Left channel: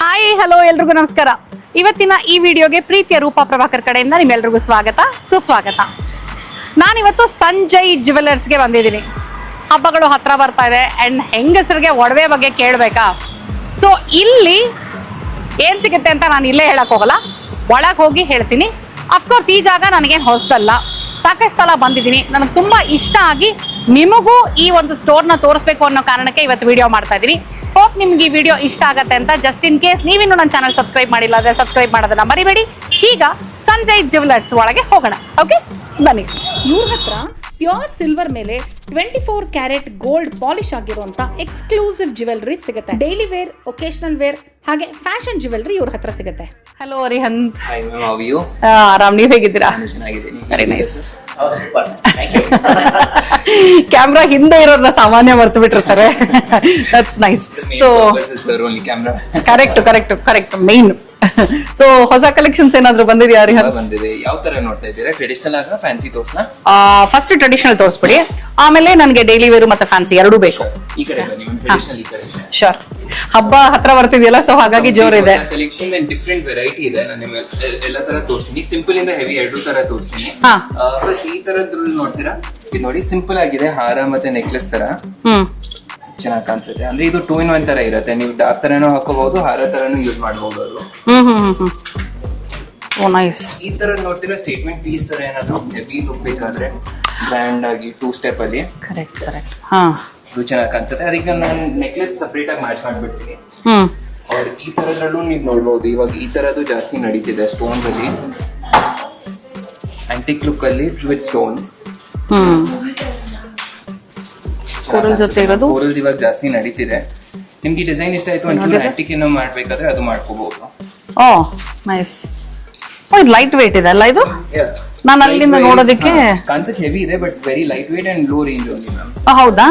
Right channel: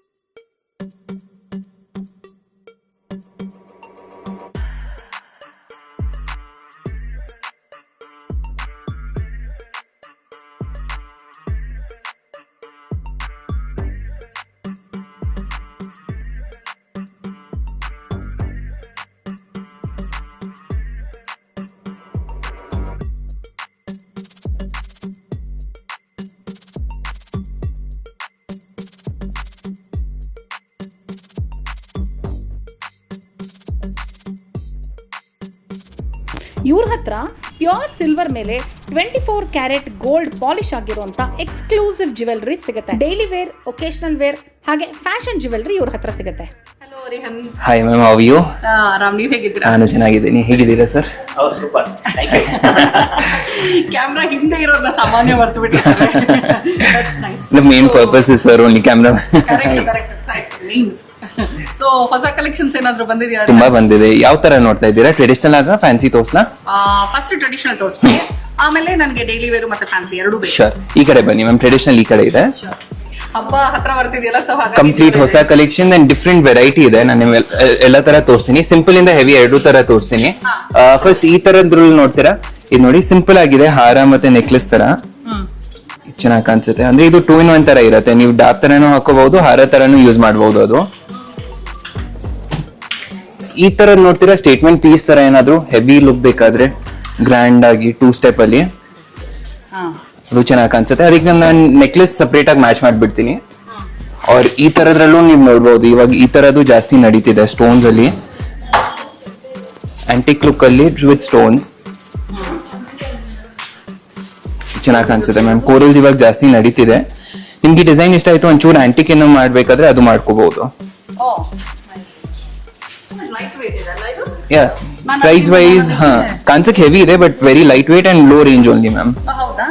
Hi hello ಎಲ್ರಿಗೂ ನಮಸ್ಕಾರ. ಇವತ್ತಿನ ಈ ವಿಡಿಯೋಗೆ ಪ್ರೀತಿಯ ರೂಪಾ ಪ್ರಭಾಕರ್ ಕಡೆಯಿಂದ ನಿಮ್ಮೆಲ್ರಿಗೂ ಸ್ವಾಗತ ಸುಸ್ವಾಗತ. ನಾನಿವತ್ತು ಸಂಜಯ್ ಜ್ಯುವೆಲರ್ಸ್ಗೆ ಬಂದಿದ್ದೀನಿ. ಹಬ್ಬಗಳು ಹತ್ರ ಬರ್ತಾ ಇದೆ ಆ್ಯಂಡ್ ಹೆಂಗಸರಿಗೆ ಒಡವೆ ಬಗ್ಗೆ ಕೇಳಬೇಕಾ? ಸೊ ಇಲ್ಲಿ ಏನು ಸಿಗುತ್ತೆ ಅಂತ ನಾನು ಇಲ್ಲೇ ಹೇಳಕ್ ಹೋಗಲ್ಲ, ಒಳಗೆ ಹೋಗಿ ಹೇಳ್ತೀನಿ. ಅಫ್ಕೋರ್ಸ್ ಈ ಜಾಗ ನನಗೇನು ಹೊಸದಲ್ಲ, ಸಾಕಷ್ಟು ಸಲ ಬಂದಿದ್ದೀನಿ. ನನಗೆ ತುಂಬ ಇಷ್ಟ ಆಗಿ ನಿಮಗೂ ಈ ಒಂದು ಸ್ಟೋರ್ನ ತೋರಿಸ್ಬೇಕು ಅನ್ನೋ ಕಾರಣಕ್ಕೆ ಇವತ್ತು ವಿಡಿಯೋ ಮಾಡ್ತಾ ಇದ್ದೀನಿ. ಹೋಪ್ ನಿಮ್ಗೆ ಈ ವಿಡಿಯೋ ಇಷ್ಟ ಆಗುತ್ತೆ ಅಂತ. ಜಸ್ಟ್ ಇನ್ ಕೇಸ್ ನೀವಿನ್ನೂ ನನ್ನ ಚಾನಲ್ ಸಬ್ಸ್ಕ್ರೈಬ್ ಮಾಡಿಲ್ಲ ಅಂದರೆ ಸಬ್ಸ್ಕ್ರೈಬ್ ಮಾಡೋದನ್ನ ಮರಿಬೇಡಿ. ಈಗ ಸಂಜಯ್ ಜ್ಯುವೆಲರ್ಸ್ ಒಳಗೆ ಹೋಗೋಣ. ಓಕೆ ಬನ್ನಿ. ಇವ್ರ ಹತ್ರ ಪ್ಯೂರ್ ಸಿಲ್ವರ್ ಮೇಲೆ 24 ಕ್ಯಾರೆಟ್ ಗೋಲ್ಡ್ ಪಾಲಿಶ್ ಆಗಿರುವಂತ ಎಕ್ಸ್ಕ್ಲೂಸಿವ್ ಜ್ಯುವೆಲರಿ ಸಿಗುತ್ತೆ. ಡೈಲಿ ವೇರ್, ಒಕೇಶನಲ್ ವೇರ್ ಹಾಗೆ ಫ್ಯಾಷನ್ ಜ್ಯುವೆಲರಿ ಇವ್ರ ಹತ್ರ ಸಿಗುತ್ತೆ. Hello Rihant. Hi ma'am, how you? ಆರಾಮ್, ನೀವ್ ಹೇಗಿದ್ದೀರಾ? ನಾನು ಚೆನ್ನಾಗಿದ್ದೀನಿ. ಹೇಗಿದ್ದೀರಾ ಸರ್? ಕ್ಯಾಮ್ರಾ ಹಿಂದೆ ಇರೋದ್ರ ಸಾಮಾನ್ಯ ಮರ್ತು ಬಿಟ್ಟಿರ್ತಾರೆ. That's nice. The main purpose is sir only camera. Correct main. So ಹೊಸ ಕಲೆಕ್ಷನ್ಸ್ ಏನಾದ್ರು ಬಂದಿದೆಯಾ? ತುಂಬಾ ಬಂದಿದೆ. ಯಾವ ತರ ನೋಡ್ತಾ ಇದ್ದೀರಾ? ಟ್ರೆಡಿಷನಲ್ ಆಗ ಫ್ಯಾನ್ಸಿ ತೋರ್ಸ್ನಾ? ಫಸ್ಟ್ ಟ್ರೆಡಿಷನಲ್ ತೋರಿಸ್ಬಿಡಿ, ಆಮೇಲೆ ನನಗೆ ಡೈಲಿ ವೇರು ಮತ್ತೆ ಫ್ಯಾನ್ಸಿ ಎರಡೂ ಬೇಕು. ಶೋರ್, ಈ ಕಡೆ ಬನ್ನಿ ಮ್ಯಾಮ್. ಟ್ರೆಡಿಷನಲ್ ಈ ಕಡೆ ಇದೆ. ಶೋರ್. ಹಬ್ಬ ಹತ್ರ ಬರ್ತಿದೆಯಲ್ಲ, ಸೊ ಹಾಗಾಗಿ ಜೋರ್ ಇದೆ. ಹೊಸ ಕಲೆಕ್ಷನ್ ಅಂಡ್ ಡಿಫ್ರೆಂಟ್ ವೆರೈಟಿ ಇದೆ. ನಾನು ಎಲ್ಲ ತರ ತೋರಿಸ್ತೀನಿ. ಸಿಂಪಲ್ ಇಂದ ಹೆವಿ ಎರಡೂ ತರ ತೋರಿಸ್ತೀನಿ. ಫಸ್ಟ್ ಈ ತರದ್ರಲ್ಲಿ ನೋಡ್ತೀರಾ? ಇದು ನೋಡಿ, ಸಿಂಪಲ್ ಆಗಿದೆ. ಹಾರ ಮತ್ತೆ ನೆಕ್ಲೆಸ್ ತರ ಚೆನ್ನಾಗಿ ಕಾಣಿಸುತ್ತೆ. ಅಂದ್ರೆ ಇದು 2 in 1 ತರ ಇರುತ್ತೆ. ನೀವು ಡಾರ್ಕ್ ತರನು ಹಾಕೋಬಹುದು, ಹಾರ ತರನು ಯೂಸ್ ಮಾಡಬಹುದು. ಅದು ಈ ತರ ನೋಡ್ತೀರಾ? ಸ್ಟೇಟ್ಮೆಂಟ್ ಪೀಸ್ ತರ ಏನಾದ್ರು ಹೆವಿ ಲುಕ್ ಬೇಕಾದ್ರೆ ಗ್ರ್ಯಾಂಡ್ ಆಗಿ 2 ಸ್ಟೆಪ್ ಅಲ್ಲಿ ಅದು ಚೆನ್ನಾಗಿ ಕಾಣಿಸುತ್ತೆ. ಅದಕ್ಕೆ ನಾನು ನೆಕ್ಲೆಸ್ ಸಪರೇಟ್ ಆಗಿ ಮ್ಯಾಚ್ ಮಾಡ್ಬಿಡ್ತೀನಿ. ಅವ್ರ ಈ ತರದ್ರಲ್ಲೂ ನೀವು ನೋಡ್ಬೋದು. ಇವಾಗ ಈ ತರದ್ದು ಜಾಸ್ತಿ ನಡೀತಿದೆ ಸ್ಟೋನ್ಸ್ ಅಲ್ಲಿ, ಆಂಟಿಕ್ ಲುಕ್ ಅಲ್ಲಿ ವಿತ್ ಸ್ಟೋನ್ಸ್ ಚೆನ್ನಾಗಿ ಕಾಣಿಸುತ್ತೆ. ಕೋರಲ್ಸ್ ಇವಾಗ ಜಾಸ್ತಿ ನಡೀತಿದೆ. ನಿಮ್ಗೆ ಡಿಸೈನ್ ಇಷ್ಟ ಆಯ್ತು, ಒಂಚೂರು ಆಂಟಿಕ್ ಏನೋ ಮಾಡ್ಬೇಕಾದ್ರೆ ಅದು ಮಾಡ್ಕೋಬಹುದು. ನೈಸ್. ಇದು ಲೈಟ್ ವೇಟ್ ಇದೆ ಅಲ್ಲ ಇದು? ಪ್ರೈಸ್ ವೈಸ್ ಕಾನ್ಸೆಪ್ಟ್ ಹೆವಿ ಇದೆ, but very light weight and low range only ma'am. ಹೌದಾ?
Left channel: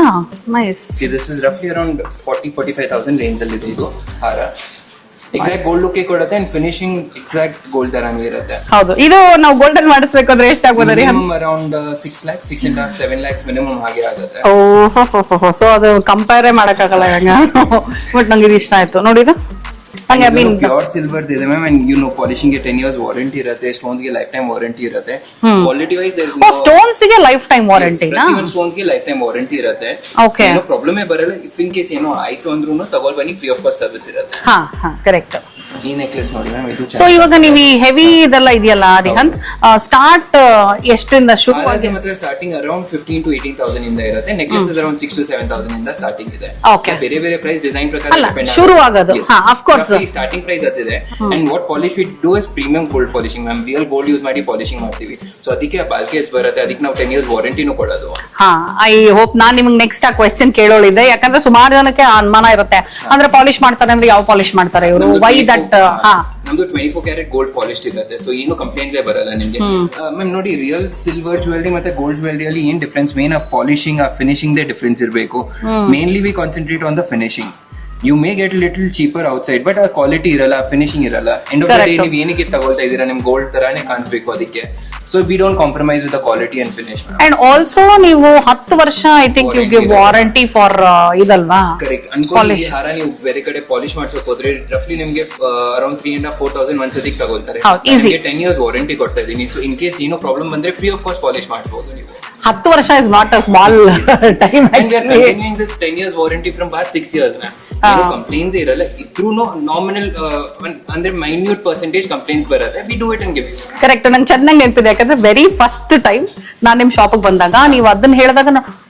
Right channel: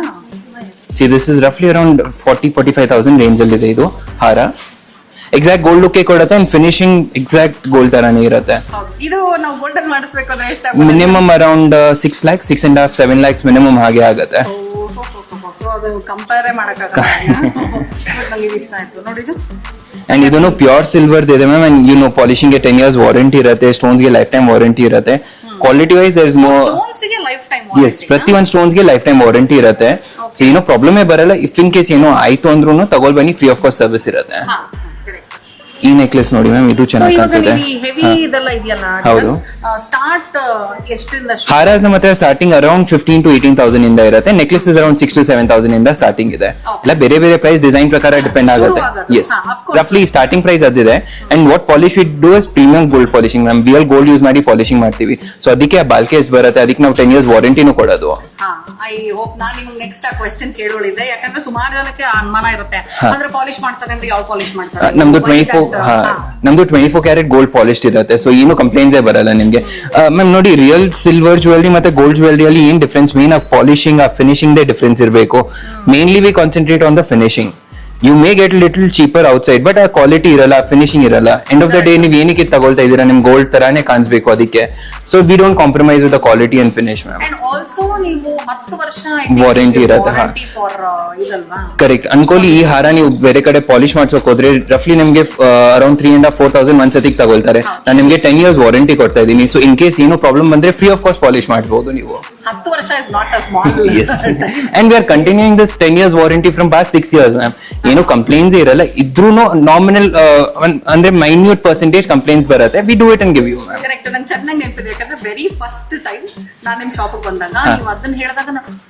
ನೈಸ್. ಸಿ ದಿಸ್ ಇಸ್ ರಫ್ಲಿ ಅರೌಂಡ್ 40-45,000 ರೇಂಜ್ ಅಲ್ಲಿ ಇದೆ ಇದು ಹಾರ. ಎಕ್ಸಾಕ್ಟ್ ಗೋಲ್ಡ್ ಲುಕ್ ಕೊಡುತ್ತೆ ಅಂಡ್ ಫಿನಿಶಿಂಗ್ ಎಕ್ಸಾಕ್ಟ್ ಗೋಲ್ಡ್ ತರಾನೇ ಇರುತ್ತೆ. ಹೌದು. ಇದು ನಾವು ಗೋಲ್ಡನ್ ಮಾಡಿಸ್ಬೇಕಾದ್ರೆ ಎಷ್ಟಾಗ್ಬೋದು? Minimum around 6 lakhs, 6.5, 7 lakhs minimum ಹಾಗೆ ಆಗುತ್ತೆ. ಸೊ ಅದು ಕಂಪೇರ್ ಮಾಡಕ್ಕಾಗಲ್ಲ. ಬಟ್ ನಂಗೆ ಇದು ಇಷ್ಟ ಆಯ್ತು ನೋಡಿ. ಇದನ್ನು ಪ್ಯೂರ್ ಸಿಲ್ವರ್ ಇದೆ ma'am. And you know polishing ಗೆ 10 years ವಾರಂಟಿ ಇರುತ್ತೆ. ಸ್ಟೋನ್ಸ್ ಗೆ ಲೈಫ್ ಟೈಮ್ ವಾರಂಟಿ ಇರುತ್ತೆ. Quality wise there is no stones ಗೆ ಲೈಫ್ ಟೈಮ್ ವಾರಂಟಿ. ಪ್ರತಿ ಒಂದು ಸ್ಟೋನ್ಸ್ ಗೆ ಲೈಫ್ ಟೈಮ್ ವಾರಂಟಿ ಇರುತ್ತೆ. ಏನೋ ಪ್ರಾಬ್ಲಮ್ ಬರಲ್ಲ. ಇಫ್ ಇನ್ ಕೇಸ್ ಏನೋ ಆಯ್ತು ಅಂದ್ರೂ ತಗೊಳ್ ಬನ್ನಿ, ಫ್ರೀ ಆಫ್ ಕಾಸ್ಟ್ ಸರ್ವಿಸ್ ಇರುತ್ತೆ. ಕರೆಕ್ಟ್. ಈ ನೆಕ್ಲೆಸ್ ನೋಡಿ ಮ್ಯಾಮ್, ಇದು ಚೆನ್ನಾಗಿ. ಸೊ ಇವಾಗ ನೀವು ಹೆವಿ ಇದೆಲ್ಲ ಇದೆಯಲ್ಲ, ಸ್ಟಾರ್ಟ್ ಎಷ್ಟರಿಂದ? ಹಾರಾಸ್ ನಮ್ಮ ಹತ್ರ ಸ್ಟಾರ್ಟಿಂಗ್ ಅರೌಂಡ್ 15,000 to 18,000 ಇಂದ ಇರುತ್ತೆ. ನೆಕ್ಲೆಸ್ ಅರೌಂಡ್ 6,000 to 7,000 ಇಂದ ಸ್ಟಾರ್ಟಿಂಗ್ ಇದೆ. ಬೇರೆ ಬೇರೆ ಪ್ರೈಸ್ ಡಿಸೈನ್ ಪ್ರಕಾರ ಡಿಪೆಂಡ್ ಆಗುತ್ತೆ. ರಫ್ಲಿ ಸ್ಟಾರ್ಟಿಂಗ್ ಪ್ರೈಸ್ ಅದಿದೆ. And what polish we do is premium gold polishing ma'am. Real gold use ಮಾಡಿ ಪಾಲಿಶಿಂಗ್ ಮಾಡ್ತೀವಿ. ಸೊ ಅದಕ್ಕೆ ಆ ಬಾಲ್ಕೆ ಎಷ್ಟು ಬರುತ್ತೆ, ಅದಕ್ಕೆ ನಾವು 10 years ವಾರಂಟಿನೂ ಕೊಡೋದು. ಐ ಹೋಪ್ ನಾನ್ ನಿಮ್ಗೆ ನೆಕ್ಸ್ಟ್ ಆ ಕ್ವೆಶ್ಚನ್ ಕೇಳೋಳಿದೆ. ಯಾಕಂದ್ರೆ ಸುಮಾರು ಜನಕ್ಕೆ ಅನುಮಾನ ಇರುತ್ತೆ, ಅಂದ್ರೆ ಪಾಲಿಶ್ ಮಾಡ್ತಾರೆ ಅಂದ್ರೆ ಯಾವ ಪಾಲಿಶ್ ಮಾಡ್ತಾರೆ? ನಮ್ದು 24 ಕ್ಯಾರೆಟ್ ಗೋಲ್ಡ್ ಪಾಲಿಶ್ಡ್ ಇರುತ್ತೆ. ಸೊ ಏನು ಕಂಪ್ಲೇಂಟ್ಸ್ ಬರಲ್ಲ ನಿಮ್ಗೆ. ಮ್ಯಾಮ್ ನೋಡಿ, ರಿಯಲ್ ಸಿಲ್ವರ್ ಜ್ಯುವೆಲರಿ ಮತ್ತೆ ಗೋಲ್ಡ್ ಜ್ಯುವೆಲರಿ ಅಲ್ಲಿ ಏನ್ ಡಿಫ್ರೆನ್ಸ್? ಮೇನ್ ಆ ಪಾಲಿಶಿಂಗ್, ಆ ಫಿನಿಶಿಂಗ್ ದೇ ಡಿಫ್ರೆನ್ಸ್ ಇರಬೇಕು. Mainly we concentrate on the finishing. You may get little cheaper outside, but ಆ ಕ್ವಾಲಿಟಿ ಇರಲ್ಲ, ಫಿನಿಶಿಂಗ್ ಇರಲ್ಲ. ಎಂಡ್ ಆಫ್ ದ ಡೇ ನೀವು ಏನಕ್ಕೆ ತಗೊಳ್ತಾ ಇದೀರಾ, ನಿಮ್ ಗೋಲ್ಡ್ ತರಾನೇ ಕಾಣಿಸ್ಬೇಕು. ಅದಕ್ಕೆ so we don't compromise with the quality and finish. And also ನೀವು 10 ವರ್ಷ ಐ ಥಿಂಕ್ ವಾರಂಟಿ ಫಾರ್ ಇದಲ್ವಾ? ಕರೆಕ್ಟ್. ಅನ್ಕೊಳ್ಳಿ, ಈ ಹಾರ ನೀವು ಬೇರೆ ಕಡೆ ಪಾಲಿಶ್ ಮಾಡ್ಸೋಕ್ ಹೋದ್ರೆ ರಫ್ಲಿ ನಿಮ್ಗೆ ಅರೌಂಡ್ 3,500-4,000 ಒಂದ್ಸತಿಗೆ ತಗೊಳ್ತಾರೆ. ನಿಮ್ಗೆ 10 years ವಾರಂಟಿ ಕೊಡ್ತಾ ಇದೀನಿ. ಸೊ ಇನ್ ಕೇಸ್ ಏನೋ ಪ್ರಾಬ್ಲಮ್ ಬಂದ್ರೆ ಫ್ರೀ ಆಫ್ ಕಾಸ್ಟ್ ಪಾಲಿಶ್ ಮಾಡಬಹುದು ನೀವು. 10 ವರ್ಷ is not a small time. And we are continuing this 10 years warranty from past 6 years ma'am. ಏನು ಕಂಪ್ಲೇಂಟ್ಸ್ ಇರಲ್ಲ. ಇದ್ರೂ ನಾಮಿನಲ್ ಅಂದ್ರೆ ಮೈನ್ಯೂಟ್ ಪರ್ಸೆಂಟೇಜ್ ಕಂಪ್ಲೇಂಟ್ಸ್ ಬರುತ್ತೆ. We do it and give you. Correct. ನಂಗೆ ಚೆನ್ನಾಗಿ ನೆನಪಿದೆ, ಯಾಕಂದ್ರೆ ವೆರಿ ಫಸ್ಟ್ ಟೈಮ್ ನಾನು ನಿಮ್ ಶಾಪಿಗೆ ಬಂದಾಗ ನೀವು ಅದನ್ನ ಹೇಳಿದಾಗ